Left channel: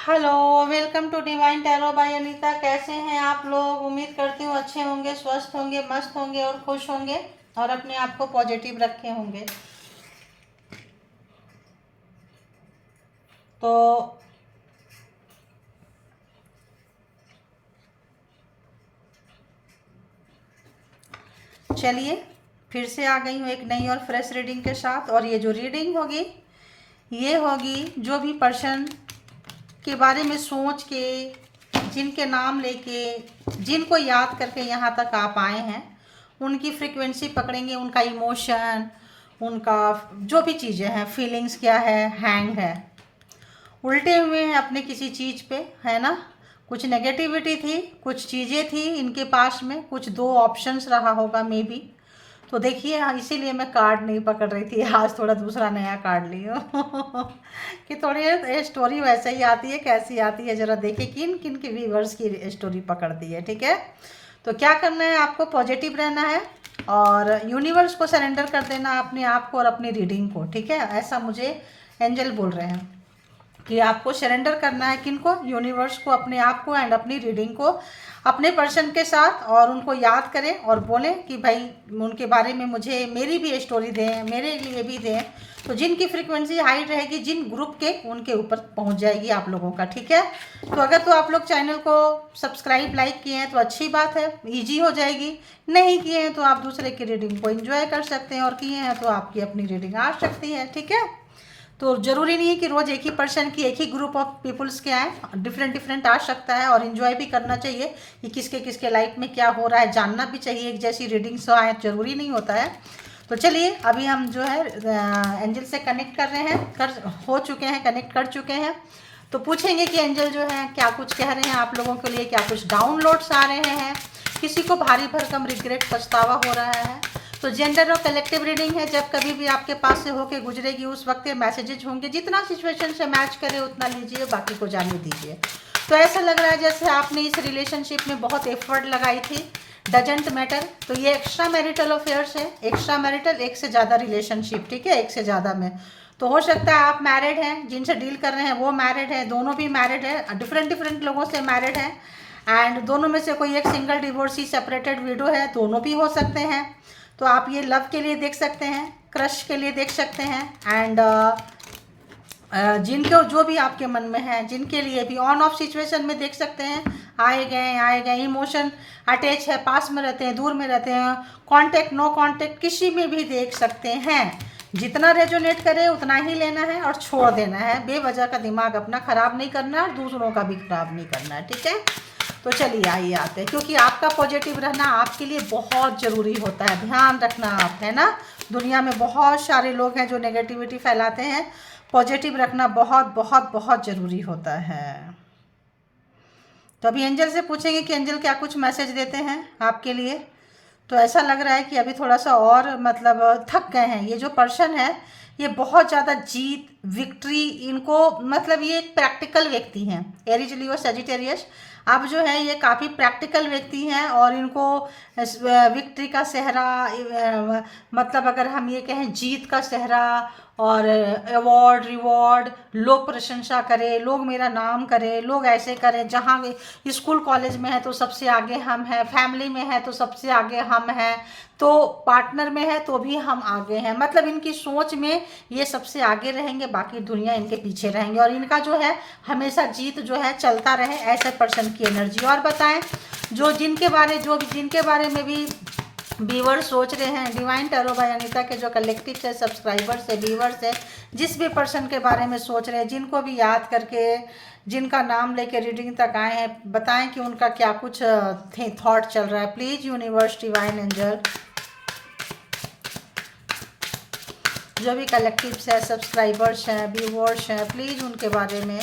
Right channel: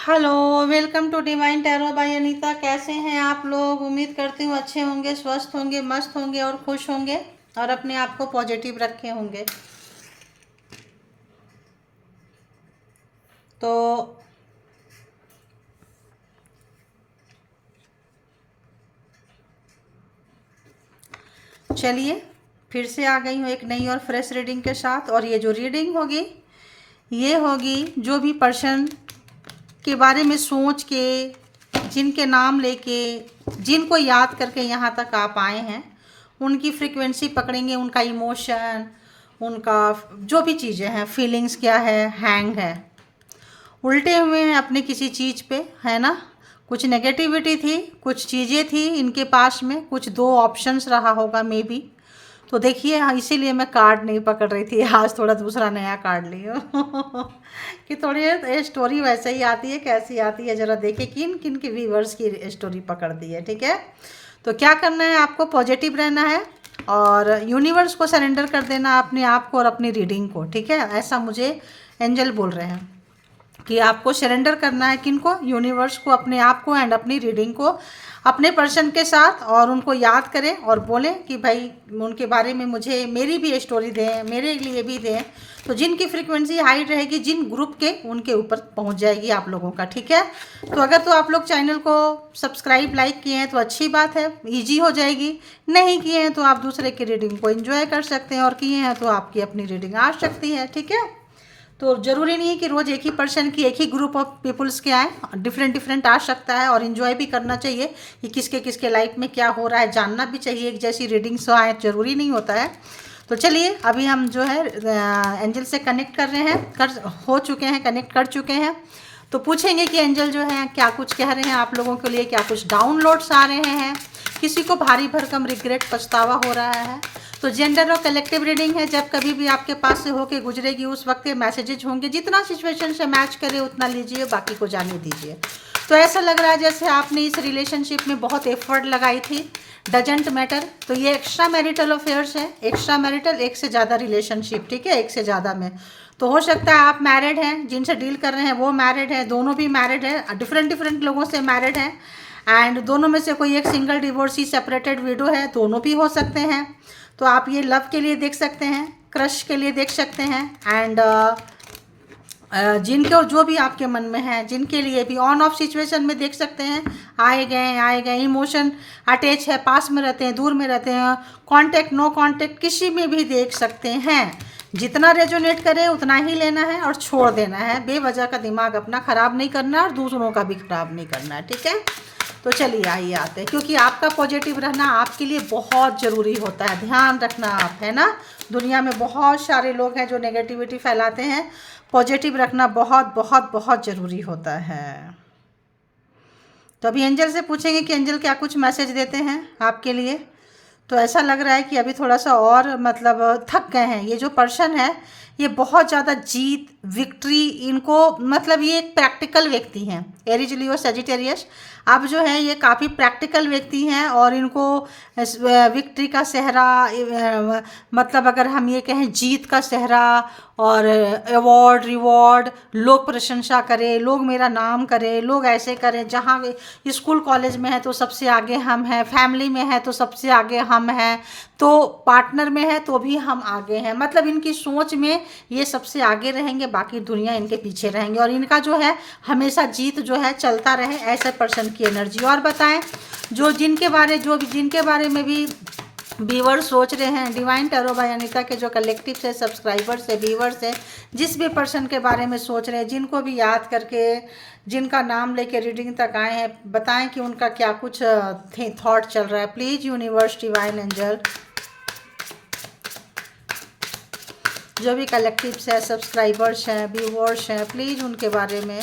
Hello, welcome to divine tarot by Anita. कैसे हैं आप लोग? उम्मीद करती हूँ अच्छे होंगे, स्वस्थ होंगे, मस्त होंगे और खुश होंगे और अपने आप को पॉजिटिव रखे होंगे। तो चलिए, फिर से आ गई हूँ एक नई और फ्रेश रीडिंग के साथ। और ये जो रीडिंग होगी ये होगी जो भी पर्सन के बारे में सोच के, जिनके नाम लेके, जिनको याद करके यहाँ तक आप आए हैं, उनकी फ्रीक्वेंसी पकड़ेंगे। उनका इमोशन, उनका जो भी चीज़ें हैं, फीलिंग्स क्या है, हैंग है, उल्टे हुए हैं अपने किसी चीज़ पे, है ना। कुछ नेगेटिविटी थी, कुछ चीज़ें थी इनके पास में, कुछ दो ऑप्शंस रहा होगा मे बी। तो देखिए, हाँ, इसीलिए मैं कार्ड नहीं पकड़ रही थी, आज थोड़ा दूसरा नया कार्ड ली हूँ कि थोड़ी ये स्टोरी वैसे ही आती है, कैसी आती है ज़रा देखिए, किन किन की व्यूवर्स की स्टोरी पकड़ती है। ठीक है, तो क्या करना है आपको? पॉजिटिव रहना है और यूनिवर्स को सरेंडर कर देना, अपने आप को और अपनी रीडिंग को। ठीक है, ऐसा मुझे एंजल बोल रहे हैं कि आपको सरेंडर करना है। किनको? यूनिवर्स को, अपने आप को एंड अपनी रीडिंग को, अपने पर्सन के साथ। और उनको याद करें और बोलें कि भाई उनके बारे में मुझे मेरी भी स्टोरी दें, मेरे लिए भी दें। तो जिनकी फ्रीक्वेंसी हाई रहेगी, जिन ग्रुप के, उनके ऊपर पहुंच जाएगी आप लोगों का। ठीक है, तो अगर तो आप लोग चैनल को सब्सक्राइब, लाइक किए हैं तो अच्छी बात है, ईजी हो जाएगी। नहीं किए हैं तो आप दूसरे की रीडिंग को एंजॉय कर सकते हैं, और किए हैं तो आपकी अपनी रीडिंग आ सकती है। ठीक है, तो ज़रूरी नहीं है कि रोज़ एक ही पर्सन की, एक ही ग्रुप ऑफ पीपल्स के आए, डिफरेंट डिफरेंट आ सकता है। और इन्जॉय भी करना चाहिए कि किसके किसके लाइफ में क्या हो रहा है, जानना भी चाहिए। एक जैसी रीडिंग्स आए ज़रूरी नहीं होता है। तो चलिए, अभी हम जो है एंजल से कनेक्ट कर रहे हैं, हो चुके हैं, कनेक्ट कर चुके हैं। तो पूछेंगे कि एंजल जो है क्या कुछ कह रहे हैं आप लोगों के लिए, क्या कुछ डाउनलोड्स आ रहे हैं, किसी को भारी भरकम रिग्रेट, पछतावा हो रहा है। तो जेंडर और कलेक्टिव रीडिंग है, जब कभी भी आपके पास से होके गुजरेगी उस वक्त ये मैसेजेज होंगे। जितना सिचुएशन से मैच करे उतना लीजिए, बाकी को जाने दीजिए। तो ऐसा लग रहा है जैसे आपने इस रिलेशनशिप में बहुत एफर्ट लगाई थी। डजेंट मैटर, तो ये एक्स्ट्रा मैरिटल अफेयर्स है, एक्स्ट्रा मैरिटल, एक से ज़्यादा रिलेशनशिप। ठीक है, एक से ज़्यादा में तो हो सकता है आप मैरिड हैं, जिनसे डील कर रहे हैं वो मैरिड है, दोनों भी मैरिड है, डिफरेंट डिफरेंट लोगों से मैरिड हैं। एंड दोनों में से कोई एक सिंगल डिवोर्सी, सेपरेटेड विडो है, दोनों भी हो सकते हैं। तो आप ये लव के लिए देख सकते हैं, क्रश के लिए देख सकते हैं। एंड जिनको जो भी आपके मन में है, जिनके लिए भी ऑन ऑफ सिचुएशन में देख सकते हैं। आए गए इमोशन अटैच है, पास में रहते हैं, दूर में रहते हैं, कांटेक्ट, नो कांटेक्ट, किसी में भी देख सकते हैं। जितना रेजोनेट करे उतना ही लेना है और छोड़ देना है। बेवजह का दिमाग अपना ख़राब नहीं करना है और दूसरों का भी ख़राब नहीं करना है। ठीक है, तो चलिए आइए आते हैं, क्योंकि आपका पॉजिटिव रहना आपके लिए बहुत ज़रूरी होता है। ध्यान रखना आप, है ना। दुनिया में बहुत सारे लोग हैं जो नेगेटिविटी फैलाते हैं, पॉजिटिव रखना बहुत बहुत बहुत ज़रूरी होता है। तो अभी एंजल से पूछेंगे कि एंजल क्या कुछ मैसेज देते हैं आपके लिए। तो ऐसा लग रहा है कि अभी थोड़ा सा और मतलब थक गए हैं। ये जो पर्सन है ये बहुत ज़्यादा जीत, विक्ट्री, इनको मतलब ये एक प्रैक्टिकल व्यक्ति हैं। एरीज, लियो, सेजिटेरियस, अब जो है ये काफ़ी प्रैक्टिकल व्यक्ति हैं और इनको विक्ट्री का सेहरा, मतलब अगर हम ये कहें जीत का सेहरा और अवार्ड, रिवॉर्ड, लोग प्रशंसा करें, लोग मेरा नाम करें, लोग ऐसे करें। जहाँ वे स्कूल कॉलेज में है तो सबसे आगे हम हैं, फैमिली में है तो सबसे आगे हम हैं, तो पार्टनर में है तो भी हम आगे हैं। मतलब इनकी सोच में ये सबसे आगे रहेंगे, बाकी दुनिया इनके पीछे रहेंगे। और इनका जो है हमेशा जीत जो है चलता रहे, ऐसे पर्सन की एनर्जी। और बताएं, जिनके बारे में भी व्यूवर्स सोच रहे हैं, डिवाइन टैरो बाय अनीता के जो कलेक्टिव है, सब्सक्राइबर्स है, व्यूवर्स है, जिस भी पर्सन के बारे में सोच रहे हैं, जिनको भी याद करके, जिनका नाम लेके रीडिंग तक आए हैं, बताएं कि उनका क्या कुछ थॉट चल रहा है। प्लीज़ यूनिवर्स, डिवाइन एंजल, जो भी कलेक्टिव्स है, सब्सक्राइबर्स हैं, व्यूवर्स हैं, प्लीज़ उनके बारे में,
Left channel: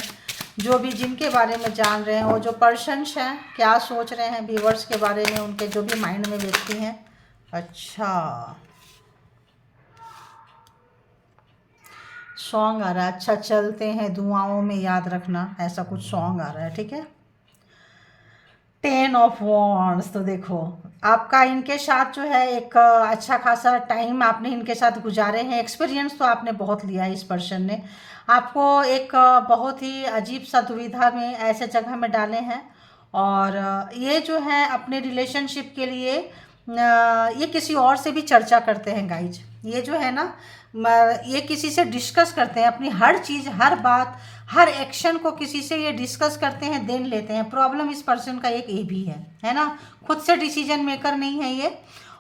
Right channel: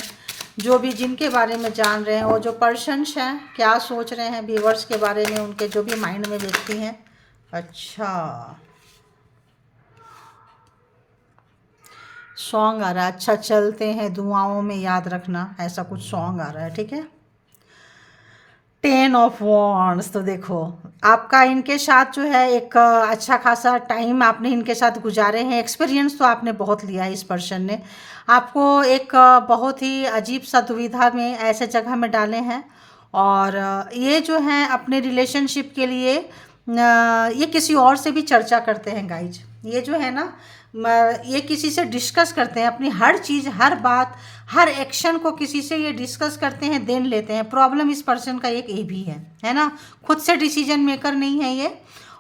जो भी जिनके बारे में जान रहे हैं, वो जो पर्सन्स हैं क्या सोच रहे हैं व्यूवर्स के बारे में, उनके जो भी माइंड में व्यक्ति हैं। अच्छा, सॉन्ग आ रहा है। अच्छा, चलते हैं दुआओं में याद रखना, ऐसा कुछ सॉन्ग आ रहा है। ठीक है, 10 ऑफ वॉन्ड्स। तो देखो, आपका इनके साथ जो है एक अच्छा खासा टाइम आपने इनके साथ गुजारे हैं, एक्सपीरियंस तो आपने बहुत लिया है इस पर्सन ने। आपको एक बहुत ही अजीब सा दुविधा में ऐसे जगह में डाले हैं। और ये जो है अपने रिलेशनशिप के लिए ये किसी और से भी चर्चा करते हैं गाइज। ये जो है ना ये किसी से डिस्कस करते हैं, अपनी हर चीज़, हर बात, हर एक्शन को किसी से ये डिस्कस करते हैं, देन लेते हैं। प्रॉब्लम इस पर्सन का एक ये भी है ना, खुद से डिसीजन मेकर नहीं है ये,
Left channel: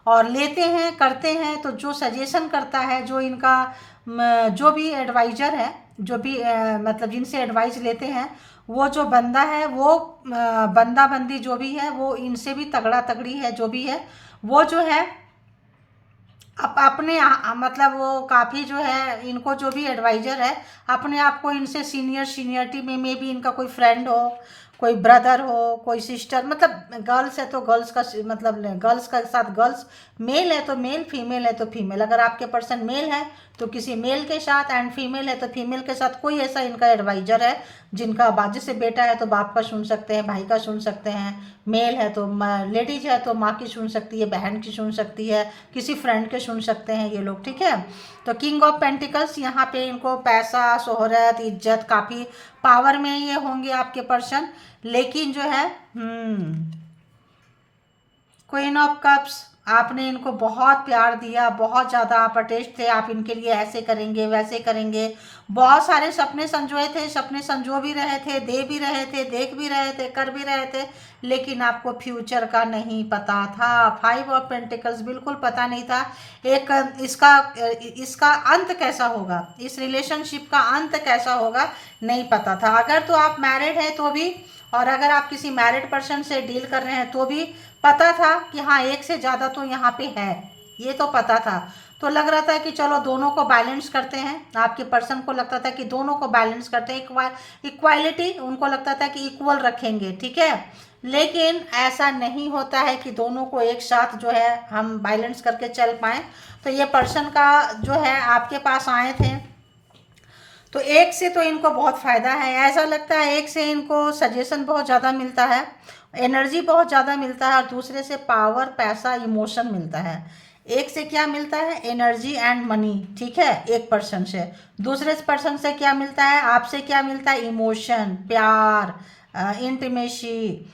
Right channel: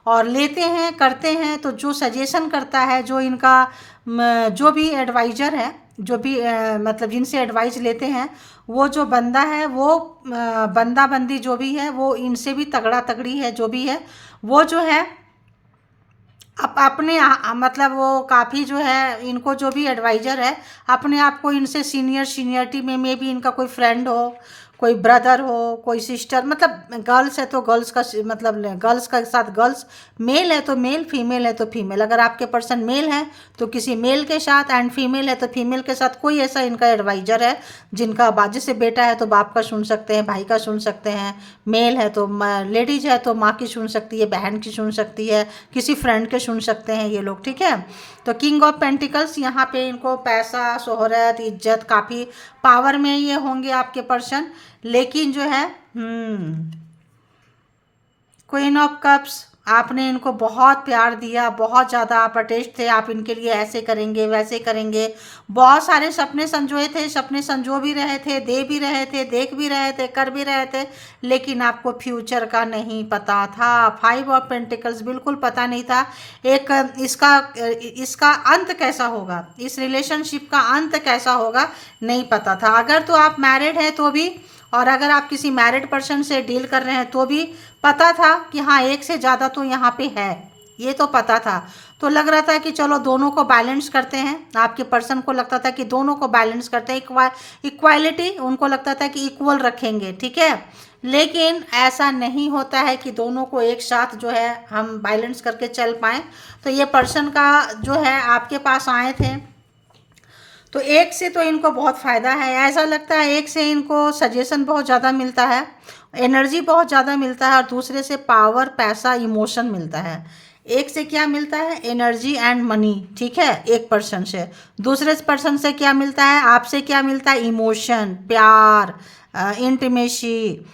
और लेते हैं, करते हैं। तो जो सजेशन करता है, जो इनका जो भी एडवाइज़र है, जो भी मतलब जिनसे एडवाइस लेते हैं, वो जो बंदा है, वो बंदा बंदी जो भी है, वो इनसे भी तगड़ा तगड़ी है। जो भी है वो जो है अपने मतलब वो काफ़ी जो है, इनको जो भी एडवाइज़र है अपने आप को इनसे सीनियरिटी में भी इनका कोई फ्रेंड हो, कोई ब्रदर हो, कोई सिस्टर, मतलब गर्ल्स है तो गर्ल्स का मतलब गर्ल्स का साथ गर्ल्स, मेल है तो मेल, फीमेल है तो फीमेल। अगर आपके पर्सन मेल है तो किसी मेल के साथ, एंड फीमेल है तो फीमेल के साथ कोई ऐसा इनका एडवाइज़र है जिनका बाजू से बेटा है तो बाप का सुन सकते हैं, भाई का सुन सकते हैं, मेल है तो लेडीज है तो माँ की सुन सकती है, बहन की सुन सकती है, किसी फ्रेंड के सुन सकते हैं ये लोग, ठीक है। तो किंग ऑफ पेंटिकल्स, यहाँ पे इनको पैसा, शोहरत, इज्जत, काफ़ी पावर में ये होंगे आपके पर्सन। लेकिन जो है क्वीन ऑफ कप्स, आपने इनको बहुत प्यार दिया, बहुत ज़्यादा आप अटैच थे, आप इनके लिए ऐसे करेंगे वैसे करेंगे, बहुत सारे सपने संजोए थे, सपने संजो भी रहे थे, दे भी रहे थे, देख भी रहे थे, कर भी रहे थे, लेकिन आपको फ्यूचर का नहीं पता था। 5 ऑफ पेंटिकल्स बिल्कुल पता नहीं था। एक इसका अंत कैसा होगा, इस रिलेशनशिप का अंत कैसा होगा नहीं पता था। अगर तो आप मैरिड हैं तो भी, और अगर आप किसी मैरिड पर्सन से डील कर रहे हैं तो भी पता था कि हाँ एक से ज़्यादा तो यहाँ पे है, ये तो पता था। तो लग रहा था कि चलो दोनों को बैलेंस करते हैं, आपके पर्सन को लगता था कि दोनों को बैलेंस करते हैं, इक्वालिटी उनको लगता था कि इक्वल रखेंगे, ठीक है। लेकिन ऐसा नहीं होता है कि दोनों को एक साथ जो है हम बैलेंस करके चल पाएँ। तो ये पर्सन का जो है आपके पास आए थे तो एक से तो इनको बहुत फ़ायदा है, ऐसा लगता है एक से इनको सजेशन बहुत ज़्यादा मिलता है, एनर्जी बहुत ज़्यादा मिलता है, और दूसरे से पावर, पैसा, इमोशन मिलता है। एक से क्या मिलता है, एनर्जी एंड मनी, ठीक है, एक पर्सन से। दूसरे पर्सन से क्या मिलता है, आपसे क्या मिलता है, इमोशन, प्यार, इंटीमेसी,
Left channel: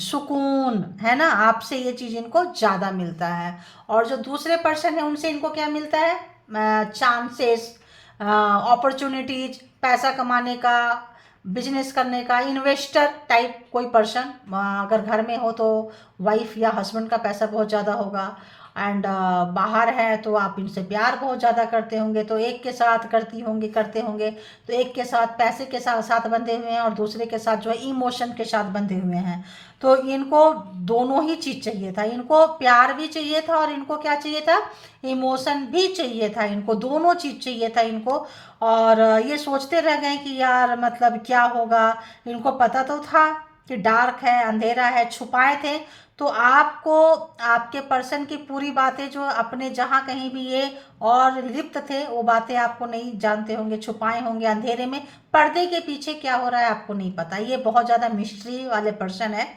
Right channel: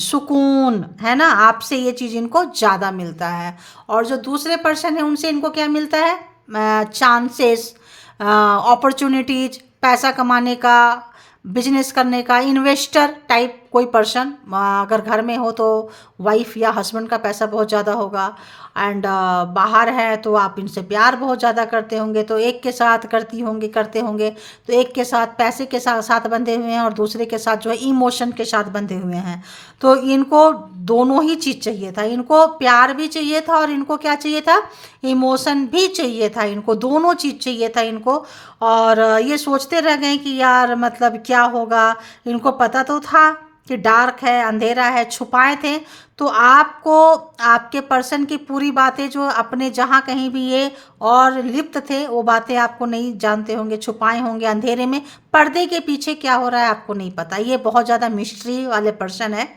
सुकून, है ना, आपसे ये चीज़ इनको ज़्यादा मिलता है। और जो दूसरे पर्सन है उनसे इनको क्या मिलता है, चांसेस, अपॉर्चुनिटीज, पैसा कमाने का, बिजनेस करने का, इन्वेस्टर टाइप कोई पर्सन। अगर घर में हो तो वाइफ या हस्बैंड का पैसा बहुत ज़्यादा होगा, एंड बाहर है तो आप इनसे प्यार बहुत ज़्यादा करते होंगे, तो एक के साथ करते होंगे, तो एक के साथ पैसे के साथ बंधे हुए हैं, और दूसरे के साथ जो है इमोशन के साथ बंधे हुए हैं। तो इनको दोनों ही चीज़ चाहिए था, इनको प्यार भी चाहिए था और इनको क्या चाहिए था, इमोशन भी चाहिए था, इनको दोनों चीज़ चाहिए था इनको। और ये सोचते रह गए कि यार मतलब क्या होगा, इनको पता तो था कि डार्क है, अंधेरा है, छुपाए थे। तो आपको आपके पर्सन की पूरी बातें जो अपने जहाँ कहीं भी ये और लिप्त थे वो बातें आपको नहीं जानते होंगे, छुपाए होंगे अंधेरे में, पर्दे के पीछे क्या हो रहा है आपको नहीं पता। ये बहुत ज़्यादा मिस्ट्री वाले पर्सन है।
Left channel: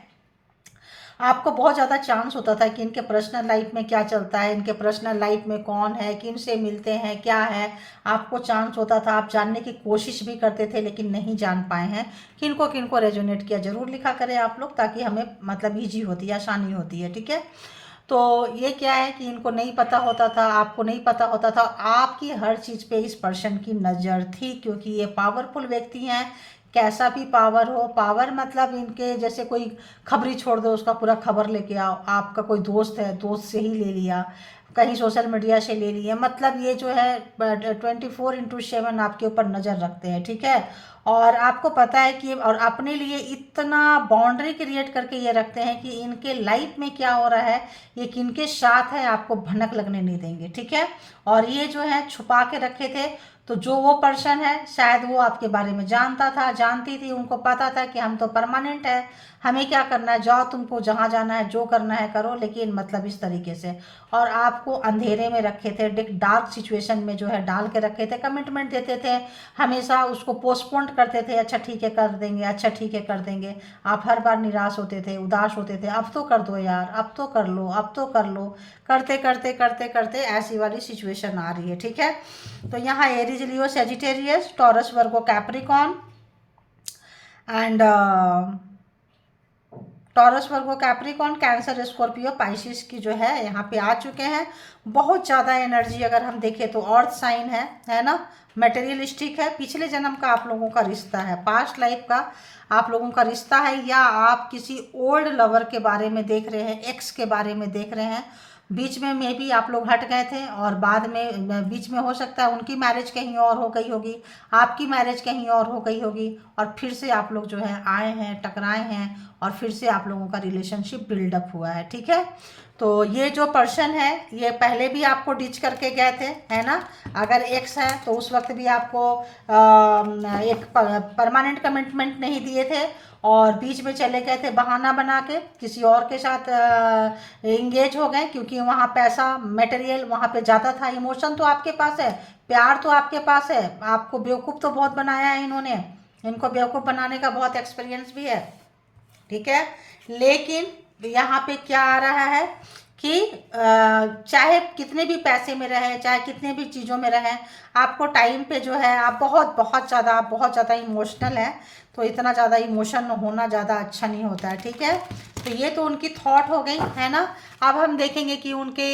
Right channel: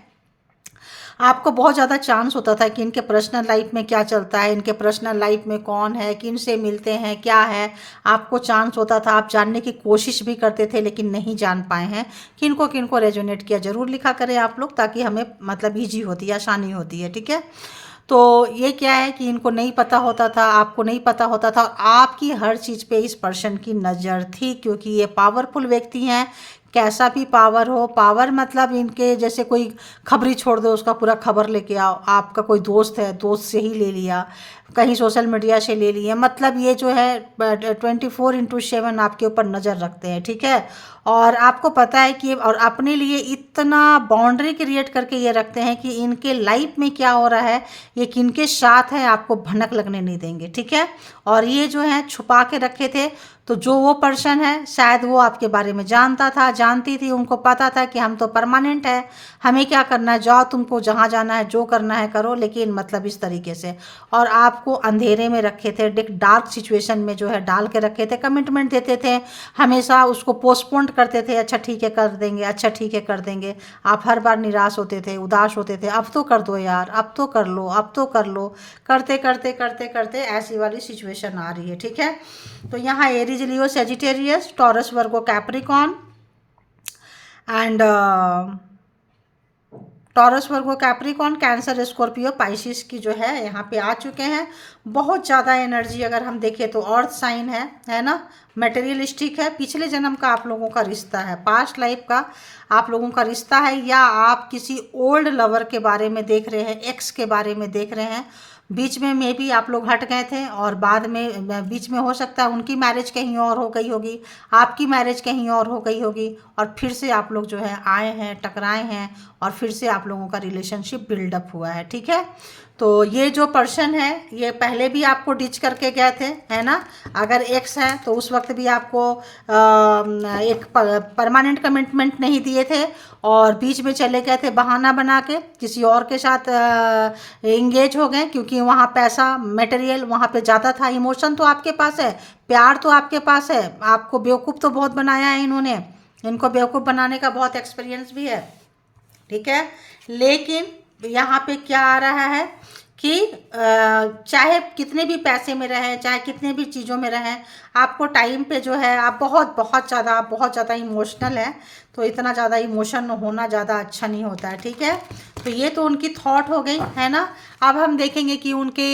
आपको बहुत ज़्यादा चांस होता था कि इनके पर्सनल लाइफ में क्या चलता है, इनके पर्सनल लाइफ में कौन है, किन से मिलते हैं, क्या है, आपको चांस होता था, आप जानने की कोशिश भी करते थे लेकिन नहीं जान पाए हैं। किनको किनको रेजोनेट किया ज़रूर लिखा करें आप लोग, ताकि हमें मतलब ईजी होती है, आसानी होती है, ठीक है। तो ये क्या है कि इनको नहीं पता होता था, आपको नहीं पता होता था, आपकी हर चीज़ पे इस पर्सन की नज़र थी, क्योंकि ये पावरफुल व्यक्ति हैं। कैसा भी पावर हो, पावर मतलब इनके जैसे कोई खबरी छोड़ दो उसका पूरा खबर लेके आओ, आपका कोई दोस्त है दोस्त से ही ले लिया, कहीं सोशल मीडिया से ले लिया, मतलब ये जो है 24/7 आपके ऊपर नज़र रखते हैं, ठीक है। और आपको पता है कि और अपने लिए इतना बाउंड्री क्रिएट करके ये रखते हैं कि इनके लाइफ में क्या हो रहा है, ये किनके साथ है, आपको भनक लगने नहीं देंगे, ठीक है। और ये जो है छुपा के रखे थे, तो जो वो पर्सन है शायद वो आपके बारे में जानता था, जानती थी, उनको पता था कि हम तो परमानेंट है, हमें क्या करना है, जाओ तुमको जहाँ जाना है, जो करना है करो, लेकिन मतलब इस तरीके से। और आपको अंधेरे में रखे थे, डार्क सिचुएशन में जो है डाल के रखे थे, कमिटमेंट देते थे, हमेशा उसको पोस्टपोन करते थे, अच्छा ठीक है कर देंगे, अच्छा ठीक है कर देंगे। आप हर बार निराश होते थे, उदास होते थे, अब तो कर दो यार, अब तो कर लो, अब तो कर लो, करते करते करते करते ऐसी वाली सिचुएशन आ रही है, ठीक है। तो यहाँ Aries is Leo, Sagittarius, Taurus, Virgo, Capricorn and taurus, Virgo, Capricorn, cancer, Scorpio, Pisces की जो है यहाँ पे आ चुके हैं। बहुत ज़्यादा एनर्जी अगर हम देखें तो अर्थ साइन है ना, मटेरियलिस्टिक है, पिछले जन्म का आप लोगों का रिश्ता है, पास्ट लाइफ का आप लोगों का रिश्ता है, या आप किसी ओल्ड लवर के बारे में देख रहे हैं, एक्स के बारे में देख रहे हैं। बीच में मे भी आप लोग हट गए थे और बाद में बीच में हो सकता है उनकी मैरिज कहीं और हो गई होगी, आपकी मैरिज कहीं और हो गई होगी, और फिर से आप लोग जो है आए हैं, टकराए हैं, और फिर से आप लोगों का रिलेशनशिप बिल्डअप हुआ है। ठीक है, तो ये जो पर्सन है ये पहले भी आपको डिच करके गए थे, है ना। अगर एक्स है तो उस वक्त भी आपको एक परमानेंट कमिटमेंट नहीं दिए थे और बीच में चले गए थे, बहाना बना के किसी और के साथ एंगेज हो गए, क्योंकि वहाँ पैसा मटेरियल वहाँ पे ज़्यादा था। इमोशन तो आपके पास है, प्यार तो आपके पास है, आपको बेवकूफ़ तो बहुत बनाया है इन्होंने, इनको बेवकूफ़ बनाने का बहुत एक्सपीरियंस भी है। ठीक है, लेकिन यहाँ पे क्या आ रहा है कि चाहे कितने भी पैसे में रहे, चाहे कितने भी चीज़ों में रहे, आपको टाइम पे जो है आप बहुत ज़्यादा इमोशनल है, तो इतना ज़्यादा इमोशन होना ज़्यादा अच्छा नहीं होता है। ठीक है, तो ये तो उनकी थॉट हो गई, है ना। अब हम देखेंगे कि उनके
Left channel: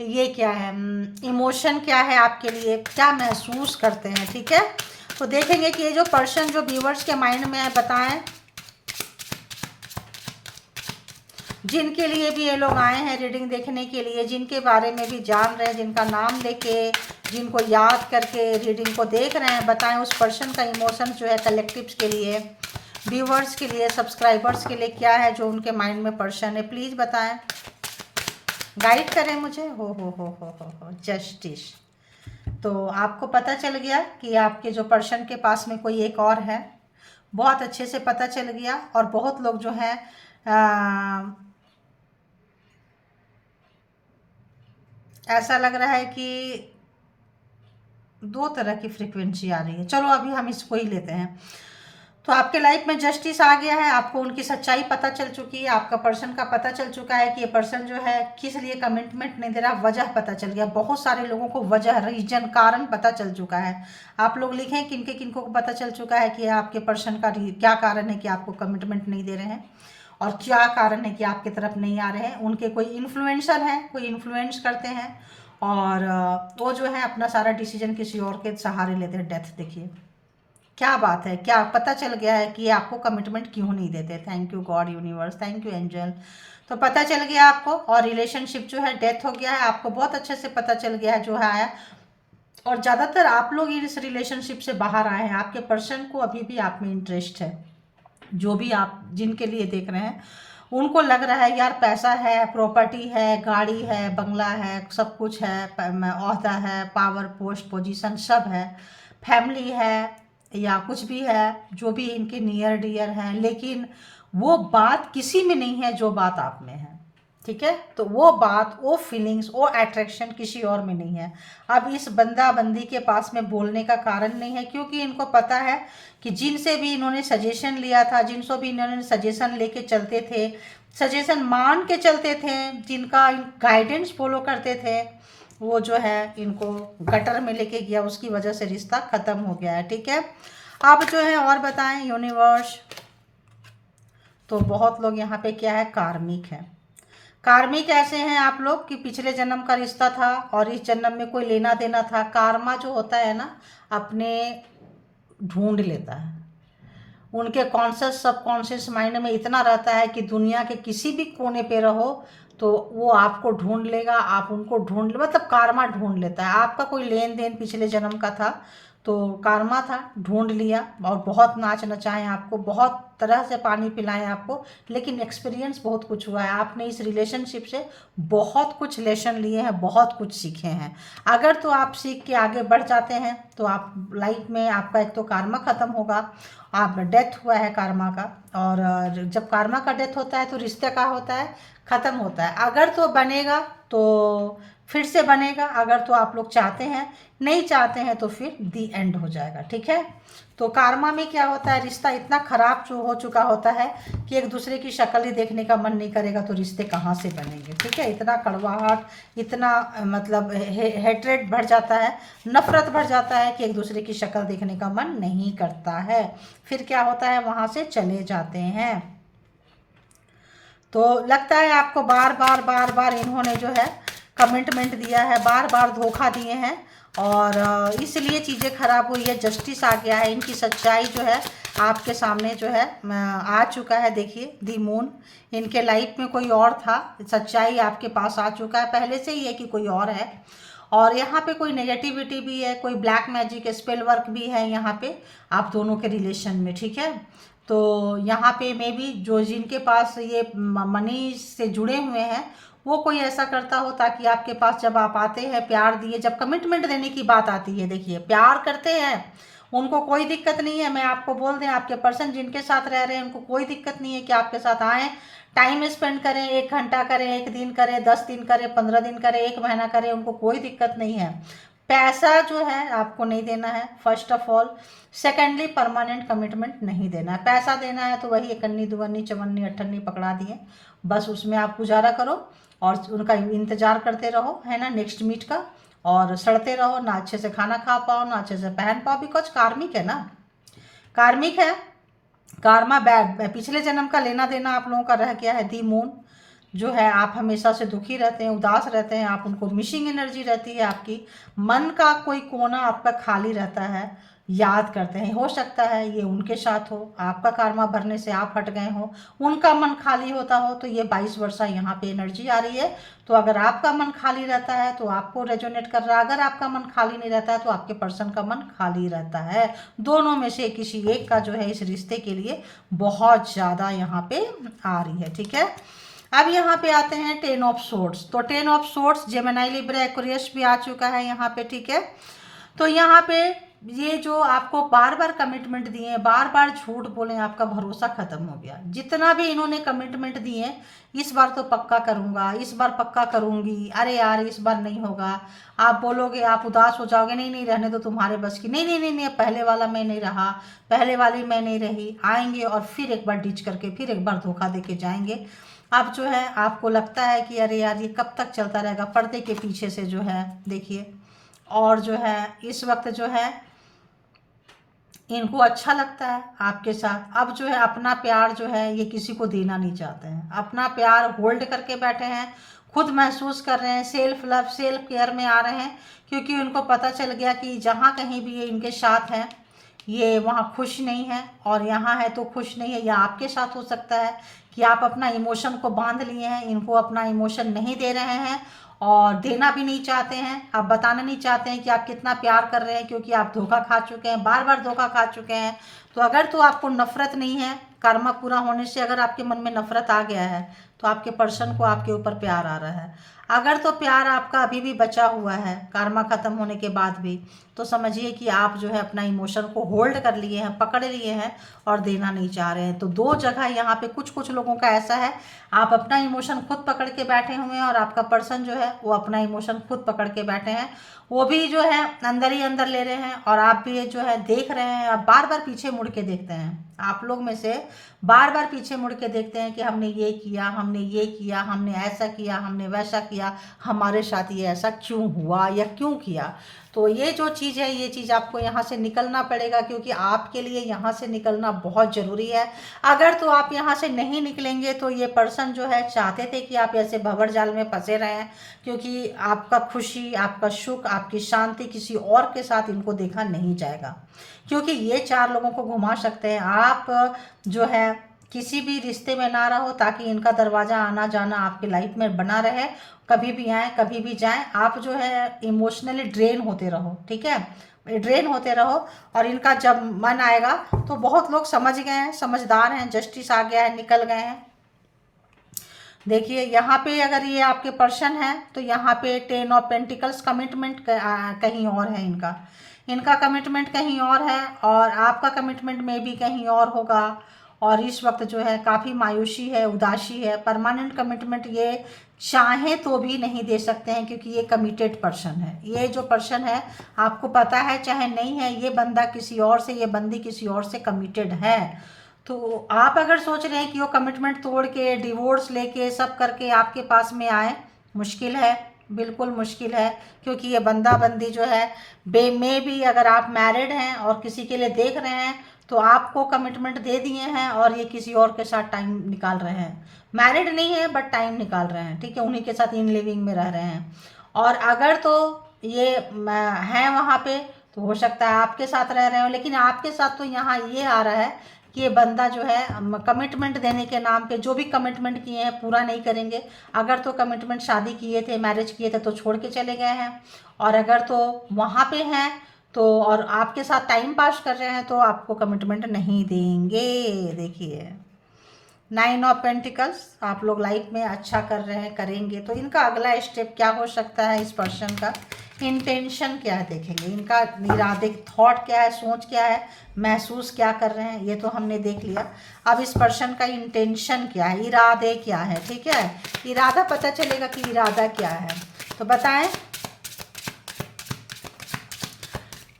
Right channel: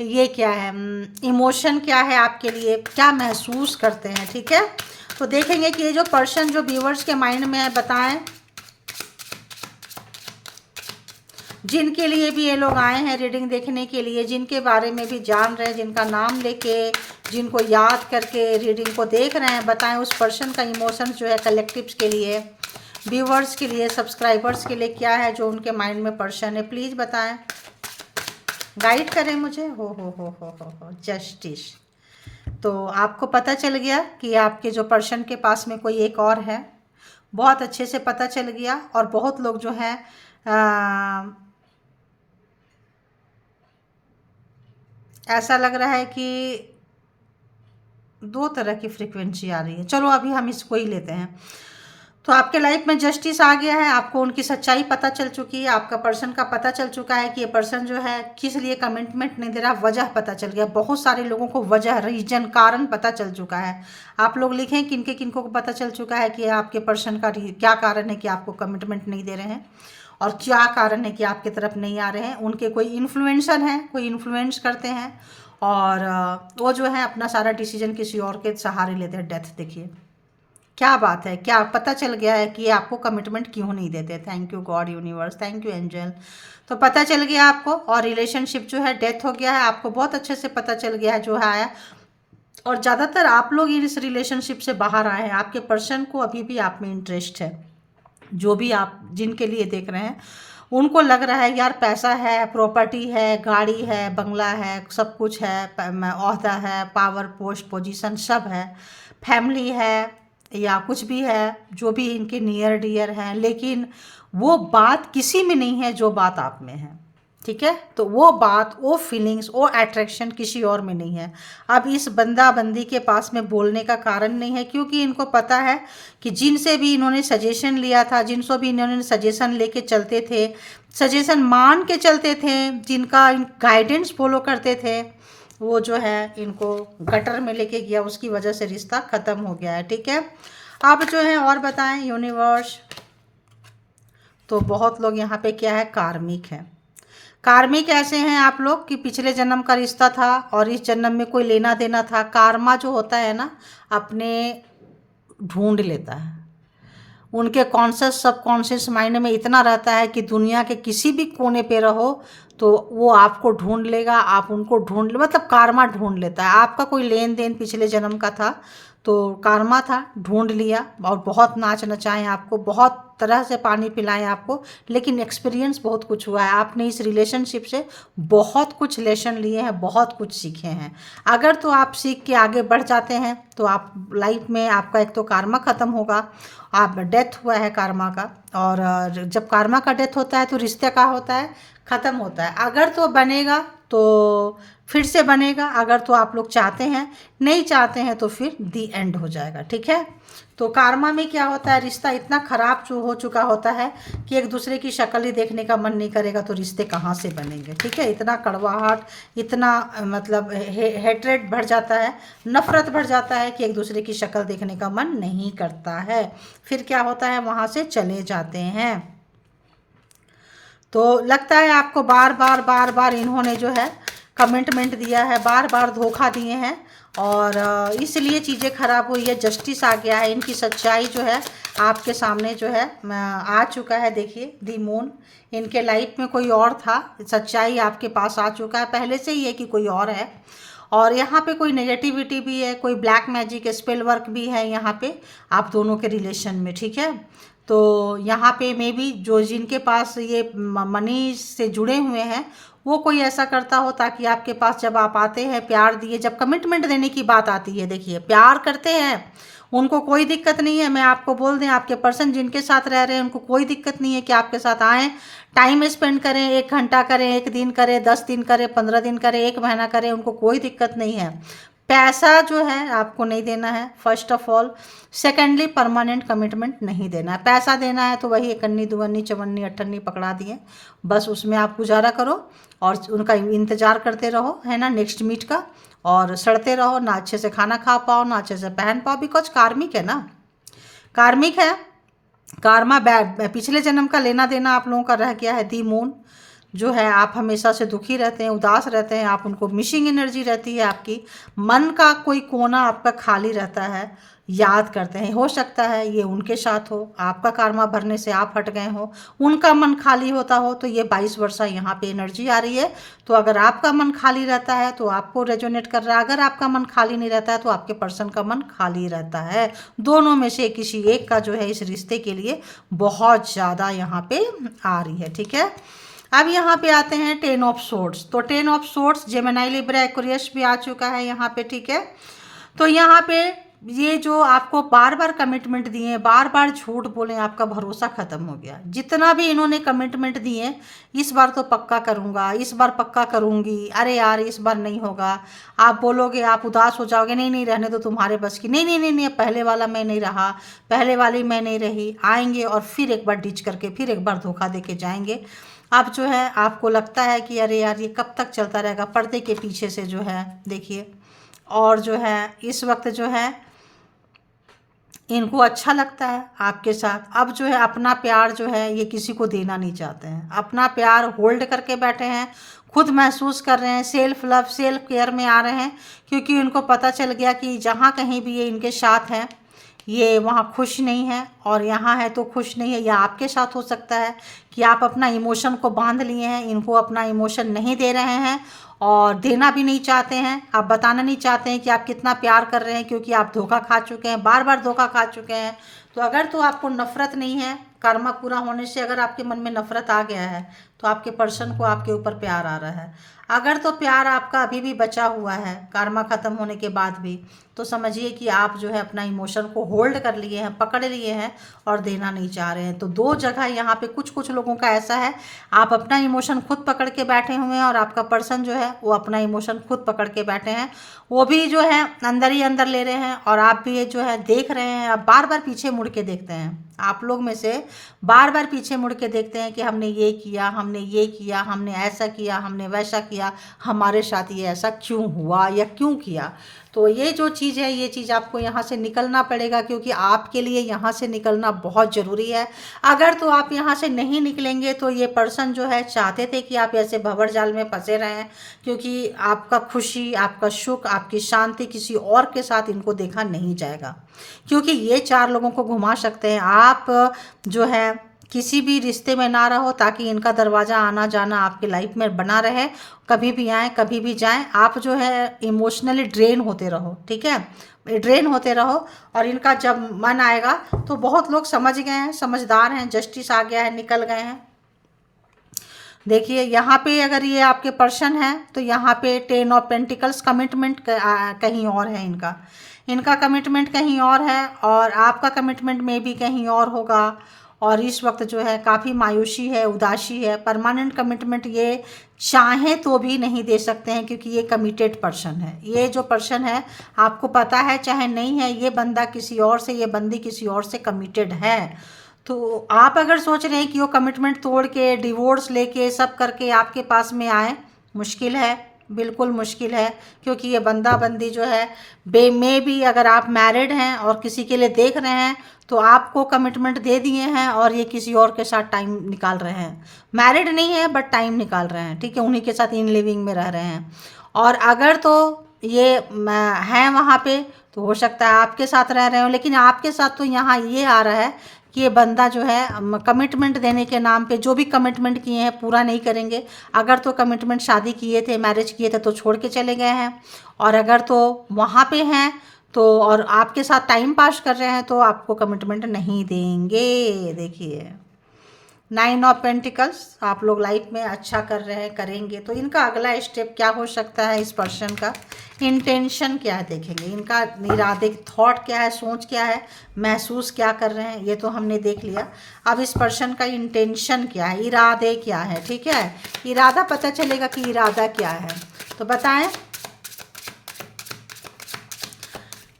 ये क्या है, इमोशन क्या है, आपके लिए क्या महसूस करते हैं। ठीक है, तो देखेंगे कि ये जो पर्सन जो व्यूअर्स के माइंड में है, बताएं जिनके लिए भी ये लोग आए हैं रीडिंग देखने के लिए, जिनके बारे में भी जान रहे हैं, जिनका नाम लेके, जिनको याद करके रीडिंग को देख रहे हैं, बताएं उस पर्सन का इमोशन जो है कलेक्टिव्स के लिए, व्यूवर्स के लिए, सब्सक्राइबर्स के लिए क्या है जो उनके माइंड में पर्सन है। प्लीज़ बताएं, गाइड करें मुझे। हो जस्टिस। तो आपको पता चल गया कि आपके जो पर्सन के पास में कोई एक और है, बहुत अच्छे से पता चल गया। और बहुत लोग जो है ऐसा लग रहा है कि दो तरह की फ्रीक्वेंसी आ रही है। चलो अभी हम इसको ही लेते हैं। तो आपके लाइफ में जस्टिस आ गया है, आपको उनकी सच्चाई पता चल चुकी है, आपका पर्सन का पता चल चुका है कि ये पर्सन जो है किस लिए कमिटमेंट नहीं दे रहा, वजह पता चल गया। बहुत सारे लोगों को वजह, रीजन, कारण पता चल चुका है। आप लोग लिखें किनको को पता चल चुका है कि आपके पर्सन का क्या कारण है कि आपको कमिटमेंट नहीं दे रहे हैं, और क्या कारण है कि आपकी तरफ नहीं आ रहे हैं। उनके कोई इन्फ्लुएंसर हैं, कोई इन्फ्लुएंस करते हैं, और वो जो है अपना सारा डिसीजन किसी और के सहारे लेते हैं। डेथ देखिए क्या बात है, क्या पता चल गया है कि आपको कमिटमेंट क्यों नहीं देते। Thank you God, universe, thank you angel. तो पता चल गया आपको, और रिलेशनशिप जो है डेथ हो गया है, आपको बहुत अच्छे से पता चल गया है जो है। और ज़्यादातर आप लोग इस रिलेशनशिप से बाहर आए हैं, आपके पर्सन को अभी भी आप में इंटरेस्ट है। जो भी आप जिनके लिए देख रहे हैं उनको लग रहा है यार पैसा है, प्रॉपर्टी है, गाड़ी है, बंगला है, सब कुछ है, ओहदा है, पावर, पोस्ट, पोजीशन सब है, फैमिली है, या कुछ भी है, जो भी इनके नियर डियर हैं, लेकिन वो बात किसी में नहीं है जो बात आप में है। ठीक है, तो वो बात, वो फीलिंग्स, वो अट्रैक्शन किसी और में नहीं है। अब इस बंदा बंदी के पास में बोलने का कारण नहीं है, क्योंकि इनको पता है कि जिनसे भी इन्होंने सजेशन लिया था, जिनसे भी इन्होंने सजेशन लेके चलते थे, सजेशन मान के चलते थे, जिनका गाइडेंस फॉलो करते थे, वो जो है इनको गटर में लेके गया, उसकी वजह से रिश्ता ख़त्म हो गया है। ठीक है, अब जो है और बताएं यूनिवर्स। तो बहुत लोग यहाँ पे क्या है, कार्मिक है। कार्मिक ऐसे हैं आप लोग कि पिछले जन्म का रिश्ता था और इस जन्म में कोई लेना देना था। कार्मा जो होता है ना, अपने ढूंढ लेता है। उनके कॉन्शियस सबकॉन्शियस माइंड में इतना रहता है कि दुनिया के किसी भी कोने पे रहो तो वो आपको ढूंढ लेगा, आप उनको ढूंढ ले, मतलब कार्मा ढूंढ लेता है। आपका कोई लेन देन पिछले जन्म का था तो कार्मा था, ढूंढ लिया, और बहुत नाच नचाएं आपको, बहुत तरह से पानी पिलाएं आपको, लेकिन एक्सपीरियंस बहुत कुछ हुआ है। आपने इस रिलेशनशिप से बहुत कुछ लेसन लिए हैं, बहुत कुछ सीखे हैं। अगर तो आप सीख के आगे बढ़ जाते हैं तो आप लाइफ में, आपका एक तो कार्मा ख़त्म होगा, आप डेथ हुआ है कार्मा का, और जब कार्मा का डेथ होता है तो रिश्ते का होता है, ख़त्म होता है। अगर तो बनेगा तो फिर से बनेगा, अगर तो आप लोग चाहते हैं, नहीं चाहते हैं तो फिर दी एंड हो जाएगा। ठीक है, तो कार्मा में क्या होता है, रिश्ता इतना ख़राब जो हो चुका होता है कि एक दूसरे की शक्ल ही देखने का मन नहीं करेगा, तो रिश्ते कहाँ से बनेंगे। ठीक है, इतना कड़वाहट, इतना मतलब हेट्रेड बढ़ जाता है, नफ़रत बढ़ जाता है कि एक दूसरे की शक्ल देखने का मन नहीं करता है। फिर क्या होता है, वहाँ से चले जाते हैं। तो लगता है आपको बार बार बार बार इन्होंने जो है कमिटमेंट दिया है, बार बार धोखा दिए हैं, और इसलिए चीज़ें ख़राब हुई है। जस्टिस आ गया है, इनकी सच्चाई जो है आपके सामने जो है आ चुका है। देखिए दी मून, इनके लाइफ में कोई और था, सच्चाई आपके पास आ चुका है पहले से ही है कि कोई और है। और यहाँ पे कोई नेगेटिविटी भी है, कोई ब्लैक मैजिक स्पेल वर्क भी है यहाँ पे आप दोनों के रिलेशन में। ठीक है, तो यहाँ पे मे बी जो जिनके पास ये मनी से जुड़े हुए हैं वो कोई ऐसा करता हो ताकि आपके पास जब आप आते हैं, प्यार दिए, जब कमिटमेंट देने की बात आती है, देखिए प्यार करते हैं, उनको कोई दिक्कत नहीं है। मैं आपको बोल दें, आपके पर्सन जिनके साथ रह रहे हैं उनको कोई दिक्कत नहीं है कि आपके साथ आएँ, टाइम स्पेंड करें, 1 घंटा करें, 1 दिन करें, 10 दिन करें, 15 दिन करें, 1 महीना करें, उनको कोई दिक्कत नहीं है। पैसा जो है आपको नहीं देना है first of all. Secondly permanent commitment नहीं देना है। पैसा देना है तो वही इकन्नी दुवन्नी चवन्नी अठन्नी पकड़ा दिए, बस उसमें आप गुजारा करो और उनका इंतज़ार करते रहो, है ना, नेक्स्ट मीट का। और सड़ते रहो, ना अच्छे से खाना खा पाओ, ना अच्छे से पहन पाओ, बिकॉज कार्मिक है ना, कार्मिक है। कार्मा बैड, पिछले जन्म का लेना देना आप लोगों का रह गया है। दी मून जो है, आप हमेशा से दुखी रहते हैं, उदास रहते हैं, आप उनको मिसिंग एनर्जी रहती है, आपकी मन का कोई कोना आपका खाली रहता है, याद करते हैं। हो सकता है ये उनके साथ हो, आपका कार्मा भरने से आप हट गए हो, उनका मन खाली होता हो, तो ये 22 वर्षा यहाँ पे एनर्जी आ रही है। तो अगर आपका मन खाली रहता है तो आपको रेजोनेट कर रहा है, अगर आपका मन खाली नहीं रहता है तो आपके पर्सन का मन खाली रहता है। दोनों में से किसी एक का जो है इस रिश्ते के लिए बहुत ज़्यादा यहाँ पे आ रही है। ठीक है, अब यहाँ पे आते हैं 10 ऑफ सोर्ड्स। तो 10 of swords Gemini Libra Aquarius भी आ चुका है यहाँ पे। ठीक है, तो यहाँ पे ये जो आपको बार बार कमिटमेंट दिए, बार बार झूठ बोले, आपका भरोसा ख़त्म हो गया। जितना भी इन्होंने कमिटमेंट दिए, इस बार तो पक्का करूँगा, इस बार पक्का करूँगी, अरे यार इस बार नहीं होगा, आप बोलोगे, आप उदास हो जाओगे, नहीं नहीं रहने दो, तुम्हारे बस की नहीं, नहीं नहीं नहीं, पहले वाला मैं नहीं रहा, पहले वाली मैं नहीं रही, आएंगे और फिर एक बार डिच करके फिर एक बार धोखा दे के जाएंगे। अब जो है आपको लगता है कि अरे यार ये कब तक चलता रहेगा, पर्दे के पीछे से जो है देखिए। और जो है इस वक्त जो है इनको अच्छा लगता है आपके साथ। अब जो है अपना प्यार जो है ये किसी को देना नहीं चाहते हैं, अपना प्यार होल्ड करके बैठे हैं, खुद महसूस कर रहे हैं, सेल्फ लव सेल्फ केयर में आ रहे हैं, क्योंकि उनको पता चल गया कि जहाँ कहीं भी ये इनके साथ हैं ये वहाँ खुश नहीं है, और यहाँ है तो खुश नहीं है। या आपके साथ हो सकता है कि आप अपना इमोशन को बांध लिए हैं, इनको अपना इमोशन नहीं दे रहे हैं और देना भी नहीं चाहते हैं, आप बताना नहीं चाहते हैं कि आप कितना प्यार कर रहे हैं, क्योंकि आप धोखा खा चुके हैं, बार बार धोखा खा चुके हैं। तो अगर तो आपको नफ़रत नहीं है, कर्मा पूरा होने से अगर आपके मन में नफ़रत आ गया है तो आपके पर्सन को आपके ऊपर प्यार आ रहा है। अगर तो प्यार आपका अभी भी बचा हुआ है कर्मा ख़त्म होने के बाद भी, तो समझिए कि आप जो है अपना इमोशन को होल्ड कर लिए हैं, पकड़ लिए हैं और देना नहीं चाह रहे हैं। तो दो जगह यहाँ पे कुछ कुछ लोगों का ऐसा है, आप अपना इमोशन खुद पकड़ के बैठे हुए हैं और आपका पर्सन जो है वो अपना इमोशन खुद पकड़ के बैठे हैं, वो भी जो है अंदर ही अंदर ले रहे हैं, और आप भी ये जो है देख रहे हैं, आप बार बार पीछे मुड़ के देखते हैं। आप लोग में से बार बार पीछे मुड़ के देखते हैं कि हमने ये किया, हमने ये किया, हमने ऐसा किया, हमने वैसा किया, हमारे साथ ये ऐसा क्यों हुआ या क्यों किया। तो ये जो चीज़ है, ये चीज़ आपको यहाँ से निकलना पड़ेगा, क्योंकि आपके लिए यहाँ से निकलना बहुत ज़रूरी है। अगर तो आप यहाँ से नहीं निकलेंगे तो ये पर्सन जो है चाहते थे कि आप ऐसे भंवर जाल में फंसे रहें, क्योंकि आपका खुशी, आपका सुख, आपकी शांति किसी और के साथ इनको देखा नहीं जाएगा, क्योंकि ये 4 लोगों को घुमा सकते हैं। आप जो है किसी भी रिश्ते में ना रहो ताकि इनका दरवाज़ा आना जाना आपके लाइफ में बना रहे, कभी भी आए कभी भी जाएं। आप जो है इमोशनली ड्रेन होते रहो, ठीक है, ड्रेन होते रहो, और इनका जब मन आएगा तो बहुत लोग समझ गए हैं, समझदार हैं, जस्टिस आ गया है, निकल गए हैं। देखिए यहाँ पे अगर ये आपके पर्सन है तो यहाँ पे 10 ऑफ पेंटिकल्स, कमिटमेंट कहीं और है, इनका कमिटमेंट कहीं और है, और आपका कमिटमेंट में भी कहीं और होगा। और इस वक्त जो है काफ़ी मायूसी है, उदासी है। परमानेंट कमिटमेंट ये चाहें तो भी नहीं दे सकते हैं, क्योंकि ये कमिटेड पर्सन है। ये जो पर्सन है आपको पता है चाहे नहीं है, ये बंदा किसी और से, ये बंदी किसी और से कमिटेड है। तो आप अगर सोच रहे हैं कि वो कमिटमेंट तोड़ के, डिवोर्स लेके, सब करके आपके पास में आए, मुश्किल है, बिल्कुल मुश्किल है। क्योंकि ये बंदा बंदी जो है में भी, अगर आप मैरिड हैं और किसी के लिए देख रहे हैं, तो आपको कमिटमेंट दे दिए हैं और ये किसी और के साथ टाइम निकाल रहे हैं। मैरिड नहीं है बट टाइम निकाल रहे हैं, ठीक है, उन्हीं के साथ इन लिविंग में रह रहे हैं। और अगर तो ये हैं वहाँ पे, तो हो सकता है आपके साथ रह रहे हो, लेकिन आपके साथ तो यहाँ ये आ रहा है कि ये बंदा जो है कमिटमेंट देने के नाम पे जो भी कमिटमेंट किए हैं पूरा नहीं करेंगे। अगर तो कमिटमेंट शादी किए थे, मैरिज किए थे, तो छोड़ के चले गए हैं। और अगर तो वहाँ पे हैं तो, और आपके साथ टाइम पास कर रहे हैं, तो आपको कमिटमेंट नहीं देंगे। देखिए 9 ऑफ पेंटिकल्स, आप लोग लाइफ में अच्छा कर रहे हैं, करेंगे। तो इनका अगला स्टेप क्या हो सकता है, इस पर्सन का इंटेंशन क्या है देखेंगे। इनका इरादे, थॉट क्या है, सोच क्या है, महसूस क्या कर रहे हैं, ये तो हमने देख लिया। अब इस पर्सन का इंटेंशन क्या है, इरादे क्या है, ठीक है, इरादा पता चलेगा कि इरादा क्या है। तो बताएं,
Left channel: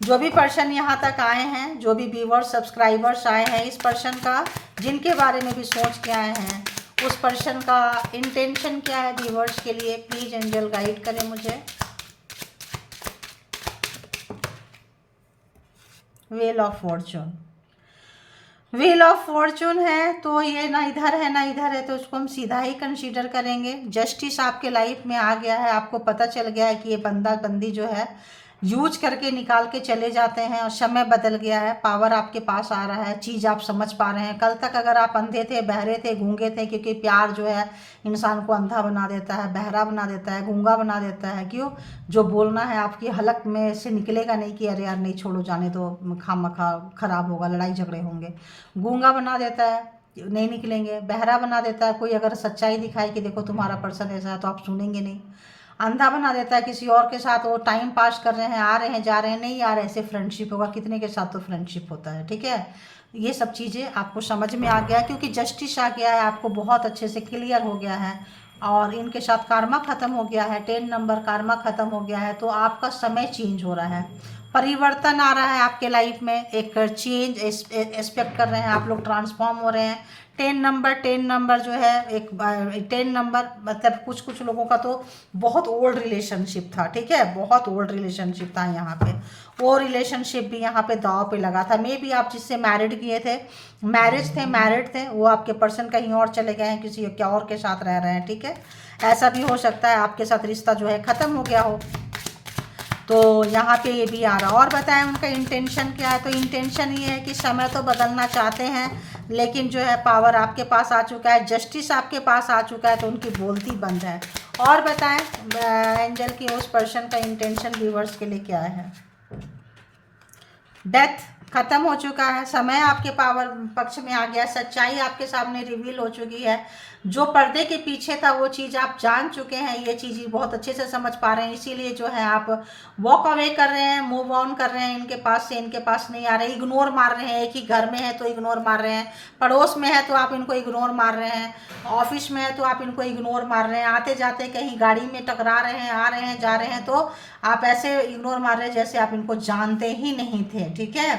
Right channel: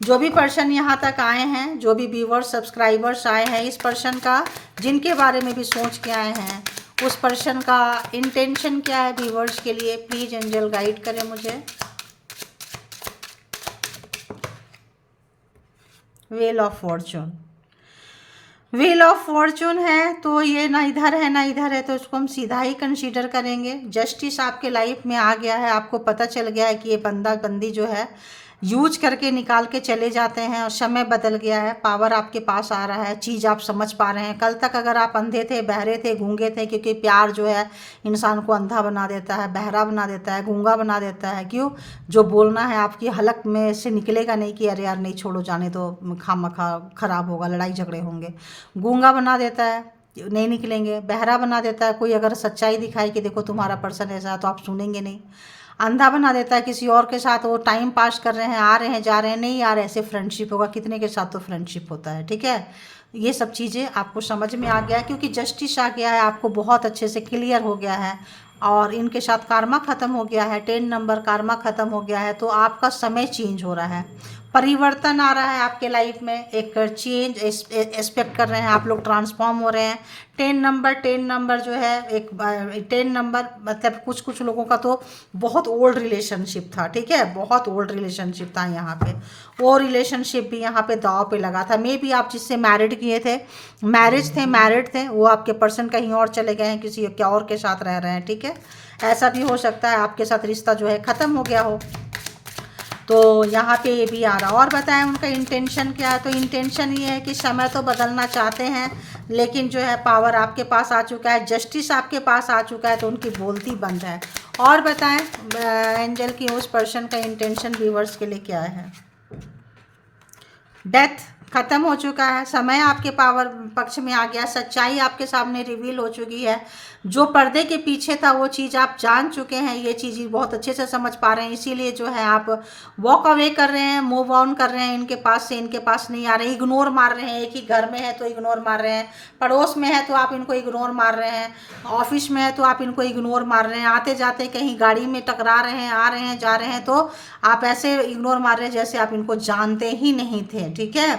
जो भी पर्सन यहाँ तक आए हैं, जो भी व्यूवर्स सब्सक्राइबर्स आए हैं, इस पर्सन का जिनके बारे में भी सोच के आए हैं, उस पर्सन का इंटेंशन क्या है व्यूवर्स के लिए, प्लीज़ एंजल गाइड करें मुझे। Wheel of Fortune, wheel of Fortune है, तो ये ना इधर है ना इधर है, तो इसको हम सीधा ही कंसीडर करेंगे। जस्टिस आपके लाइफ में आ गया है, आपको पता चल गया है कि ये बंदा बंदी जो है यूज करके निकाल के चले जाते हैं, और समय बदल गया है, पावर आपके पास आ रहा है, चीज़ आप समझ पा रहे हैं। कल तक अगर आप अंधे थे, बहरे थे, गूंगे थे, क्योंकि प्यार जो है इंसान को अंधा बना देता है, बहरा बना देता है, गूंगा बना देता है। क्यों? जो बोलना है आपकी हलक में से निकलेगा नहीं कि अरे यार नहीं, छोड़ो, जाने दो, खामखा खराब होगा, लड़ाई झगड़े होंगे। गूंगा बना देता है, नहीं निकलेंगे। बहरा बना देता है, कोई अगर सच्चाई दिखाए कि देखो तुम्हारा पर्सन ऐसा है, तो आप सुनेंगे नहीं। अंधा बना देता है, किसी और के साथ वो टाइम पास कर रहे हैं, आ रहे हैं, जा रहे हैं, नहीं यार ऐसे फ्रेंडशिप होगा, कितने के साथ तो फ्रेंडशिप होता है, ठीक है। ये सब चीज़ें आपको समझ में आ गया, क्योंकि जस्टिस आ गया है, आपको बहुत अच्छे से क्लियर हो गया है। और इनके साथ कार्मा ख़त्म हो गया है, 10 नंबर कार्मा ख़त्म हो गया है, तो आपका समय चेंज हो रहा है, परिवर्तन आ रहा है आपके लाइफ में, एक चेंज एक्सपेक्ट कर रहे हैं आप लोग, ट्रांसफॉर्म हो रहे हैं। 10 नंबर जो है, एक 10 नंबर मतलब कुछ कुछ लोगों का तो बहुत ओल्ड रिलेशनशिप था, ठीक है, बहुत ओल्ड रिलेशनशिप था यहाँ पे। वो रिलेशनशिप भी यहाँ पे दाव पे लगा था। मे बी आप जिससे मैरिड किए थे, मैरिड थे, वो आपके पर्सन कहीं और चले गए हैं, किसी क्या और के साथ रह रहे हैं, ठीक है। ऐसा भी हो सकता है आपके साथ रिश्ता जो है ख़त्म हो गया हो, तो यहाँ पे ये भी आ रहा। और बताएं उनका इंटेंशन क्या है। तो इंटेंशन ये है कि समय तो बदलना चाहते हैं, लेकिन जो है पावर आपके पास आ चुका है, जस्टिस आपके पास आ चुका है, तो उनकी बोलती बंद है। और बताएं एंजल की उस पर्सन का इंटेंशन व्यूवर्स के लिए क्या है। डेथ खत्म हो चुका है, समय आपके पावर पक्ष में आ गया, सच्चाई आपके सामने रिवील हो चुकी है। जो पर्दे के पीछे था वो चीज़ आप जान चुके हैं, ये चीज़ बहुत अच्छे से समझ पा रहे हैं, इसीलिए जो है आप वॉक अवे कर रहे हैं, मूव ऑन कर रहे हैं, इनके पास से, इनके पास नहीं आ रहे, इग्नोर मार रहे हैं। एक ही घर में है तो इग्नोर मार रहे हैं, पड़ोस में है तो आप इनको इग्नोर मार रहे हैं, ऑफिस में है तो आप इनको इग्नोर मार रहे हैं, आते जाते कहीं गाड़ी में टकरा रहे हैं, आ रहे हैं, जा रहे हैं, तो आप ऐसे इग्नोर मार रहे हैं जैसे आप इनको जानते ही नहीं थे, ठीक है।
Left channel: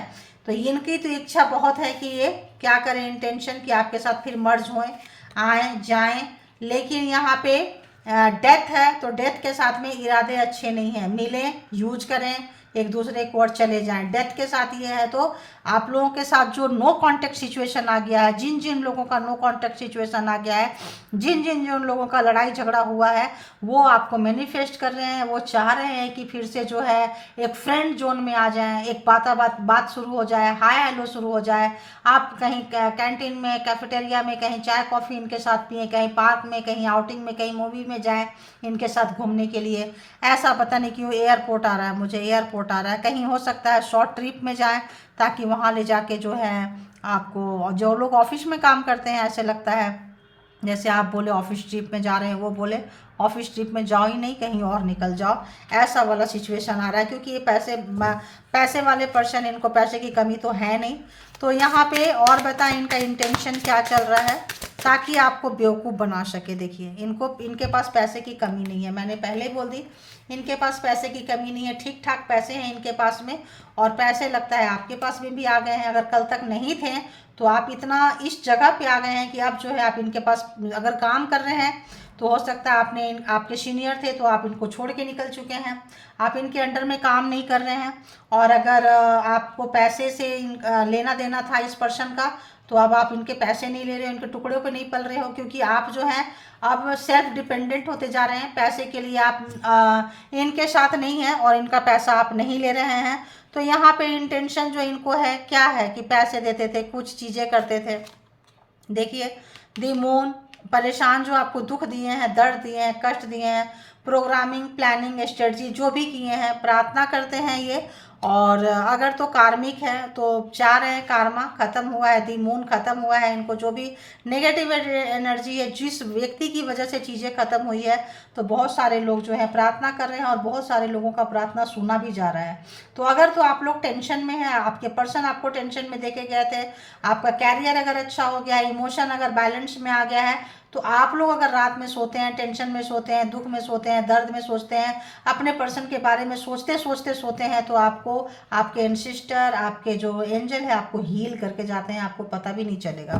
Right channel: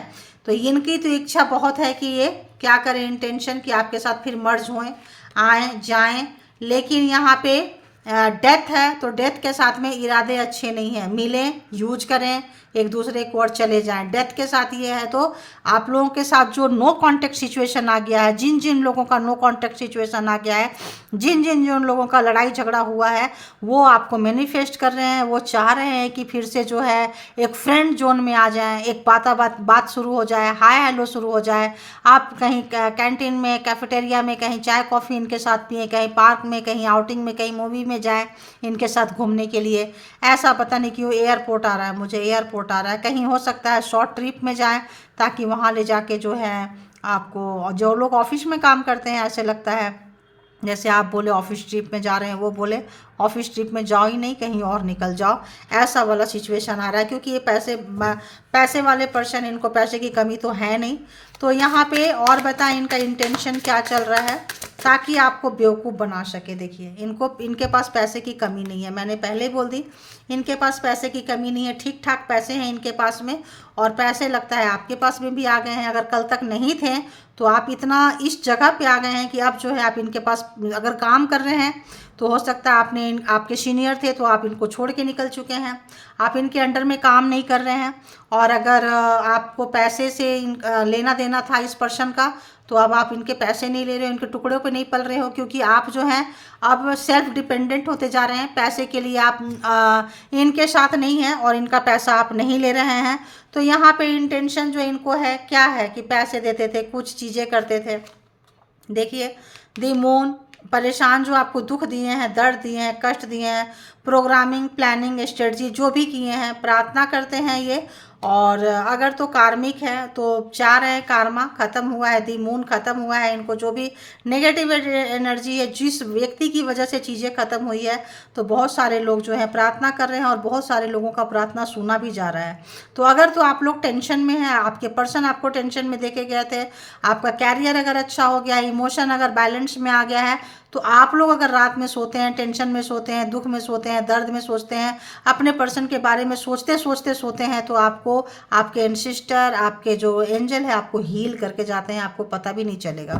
तो इनकी तो इच्छा बहुत है कि ये क्या करें, इंटेंशन कि आपके साथ फिर मर्ज होएं, आए जाएं, लेकिन यहाँ पे डेथ है, तो डेथ के साथ में इरादे अच्छे नहीं हैं, मिलें, यूज करें, एक दूसरे को और चले जाएं। डेथ के साथ ये है, तो आप लोगों के साथ जो नो कांटेक्ट सिचुएशन आ गया है, जिन जिन लोगों का नो कांटेक्ट सिचुएशन आ गया है, जिन लोगों का लड़ाई झगड़ा हुआ है, वो आपको मैनिफेस्ट कर रहे हैं, वो चाह रहे हैं कि फिर से जो है एक फ्रेंड जोन में आ जाएं, एक बात शुरू हो जाए, हाय हेलो शुरू हो जाए। आप कहीं कैंटीन में, कैफेटेरिया में, कहीं चाय कॉफ़ी इनके साथ पिए, कहीं पार्क में, कहीं आउटिंग में, कहीं मूवी में जाए इनके साथ घूमने के लिए। ऐसा पता नहीं क्यों एयरपोर्ट आ रहा है, मुझे एयरपोर्ट आ रहा है, कहीं हो सकता है शॉर्ट ट्रिप में जाएं, ताकि वहाँ ले जाके जो है आपको, जो लोग ऑफिस में काम करते हैं ऐसे लगता है जैसे आप बोले ऑफिस ट्रिप में जा रहे हैं, वो बोले ऑफिस ट्रिप में जाओ ही नहीं, कहीं और निकल जाओ, ऐसा वाला सिचुएशन आ रहा है। क्योंकि ये पैसे वाले पर्सन, इनको पैसे की कमी तो है नहीं। तो यहाँ पे और बताएं इनका इंटेंशन क्या चल रहा है, ताकि आपको बेवकूफ़ बना सके। देखिए इनके पास पैसे की कमी नहीं है, मैंने पहले बोल दी, इनके पास पैसे की कमी नहीं है, ठीक ठाक पैसे हैं इनके पास में। और पैसे लगता है आपके पास में भी आ गए हैं। अगर कल तक नहीं थे तो आप इतना इस जगह पे आ गए हैं कि अब जो है आप इनके पास अगर काम कर रहे हैं तो हो सकता है आपके सीनियर थे तो आप इनको छोड़ के निकल चुके हैं, आप इनके अंडर में काम नहीं कर रहे हैं। और अगर आपको पैसे से लेना देना था इस पर्सन का, तो अब आप इनके पैसे नहीं ले रहे हो, इनके टुकड़ों पे नहीं पल रहे हो, क्योंकि आप जो हैं अब सेल्फ डिपेंडेंट होते जा रहे हैं। पैसे के लिए आप इनके साथ नहीं हैं और इनका पैसा आप नहीं ले रहे हैं। तो यहाँ पे इंटेंशन जो इनको है क्या है कि पैसे देते थे, कुछ चीज़ें करते थे। देखिए दी मून, परेशान जो आपको दुख दिए हैं, दर्द दिए हैं, कष्ट दिए हैं, प्रोग्रामिंग, प्लानिंग, स्ट्रेटजी जो भी किए हैं, प्रार्थना करते हैं ये। और अगर तो कार्मिक है तो चाह रहे हैं कारमा ख़त्म हुआ है, दी मून ख़त्म हुआ है। इनको जो भी नेगेटिव एनर्जी है, जिस व्यक्ति की वजह से चीज़ें ख़त्म हुई है, तो बहुत सारे लोग जो है प्रार्थना कर रहे हैं और बहुत सारे लोगों का प्रार्थना सुना भी जा रहा है। तो अगर तो आप लोग टेंशन में हैं, आपके पर्सन आपको टेंशन में देके गए थे, आपका कैरियर अगर अच्छा हो गया, इमोशन अगर बैलेंस में आ गया है, तो आप लोग अगर रात में सोते हैं, टेंशन में सोते हैं, दुख में सोते हैं, दर्द में सोचते हैं, अपने पर्सन के बारे में सोचते सोचते सोते हैं, तो आपको आपके एंसिस्टर, आपके जो एंजल है, आपको हील करके जाते हैं। आपको पता भी नहीं चलेगा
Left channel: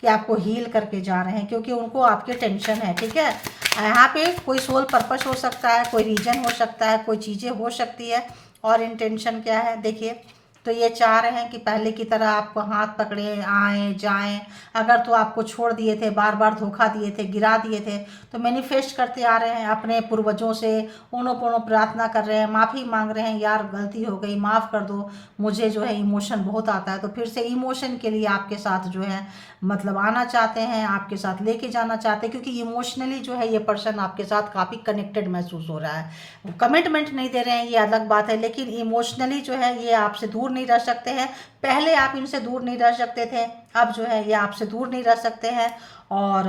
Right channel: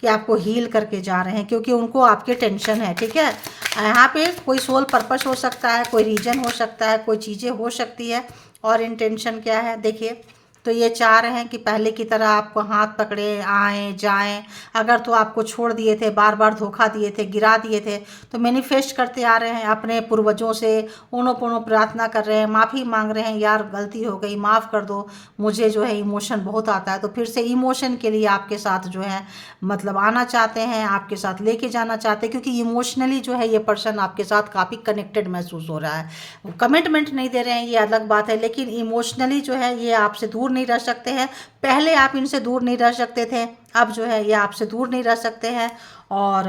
कि आपको हील करके जा रहे हैं, क्योंकि उनको आपके टेंशन है। ठीक है, यहाँ पे कोई सोल पर्पस हो सकता है, कोई रीजन हो सकता है, कोई चीज़ें हो सकती है। और इंटेंशन क्या है देखिए, तो ये चाह रहे हैं कि पहले की तरह आपको हाथ पकड़े आए जाएं। अगर तो आपको छोड़ दिए थे, बार बार धोखा दिए थे, गिरा दिए थे, तो मैनिफेस्ट करते आ रहे हैं अपने पूर्वजों से, उन्हों पुनः प्रार्थना कर रहे हैं, माफ़ी मांग रहे हैं, यार गलती हो गई, माफ़ कर दो, मुझे जो है इमोशन बहुत आता है। तो फिर से इमोशन के लिए आपके साथ जो है मतलब आना चाहते हैं, आपके साथ लेके जाना चाहते हैं, क्योंकि इमोशनली जो है ये पर्सन आपके साथ काफ़ी कनेक्टेड महसूस हो रहा है। कमिटमेंट नहीं दे रहे हैं, ये अलग बात है, लेकिन इमोशनली जो है ये आपसे दूर नहीं रह सकते हैं। पहले आप इनसे दूर नहीं रह सकते थे, अब जो है ये आपसे दूर नहीं रह सकते हैं। और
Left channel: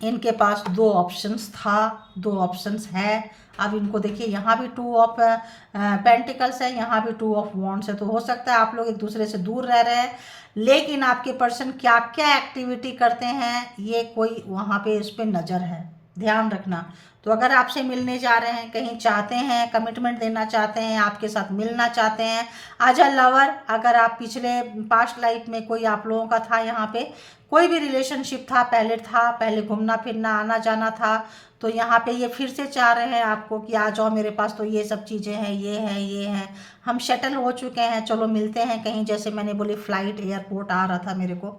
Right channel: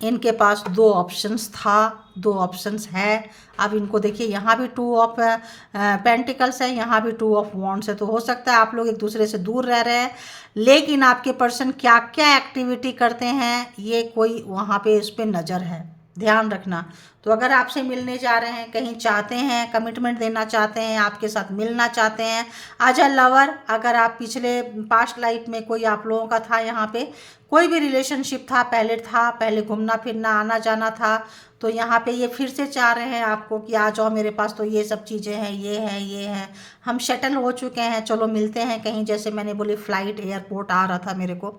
इनके पास दो ऑप्शंस था, दो ऑप्शंस है। अब इनको देखिए यहाँ भी 2 ऑफ पेंटिकल्स है, यहाँ भी 2 ऑफ वॉन्ड्स है। तो हो सकता है आप लोग एक दूसरे से दूर रह रहे हैं, लेकिन आपके पर्सन क्या क्या एक्टिविटी करते हैं ये कोई वहाँ पे इस पर नज़र है, ध्यान रखना। तो अगर आपसे मिलने जा रहे हैं, कहीं चाहते हैं, कमिटमेंट देना चाहते हैं, आपके साथ मिलना चाहते हैं, एज अ लवर, अगर आप पिछले पास्ट लाइफ में कोई आप लोगों का था, यहाँ पे कोई भी रिलेशनशिप था, पहले घूमना फिरना आना जाना था, तो यहाँ पे ये फिर से चाह रहे हैं आपको कि आ जाओ मेरे पास, तो ये सब चीज़ें हैं, ये हैं, हम सेटल हो चुके हैं, चलो मिलते हैं कहीं। जैसे मैंने बोली फ्लाइट, एयरपोर्ट आ रहा था मेरे को,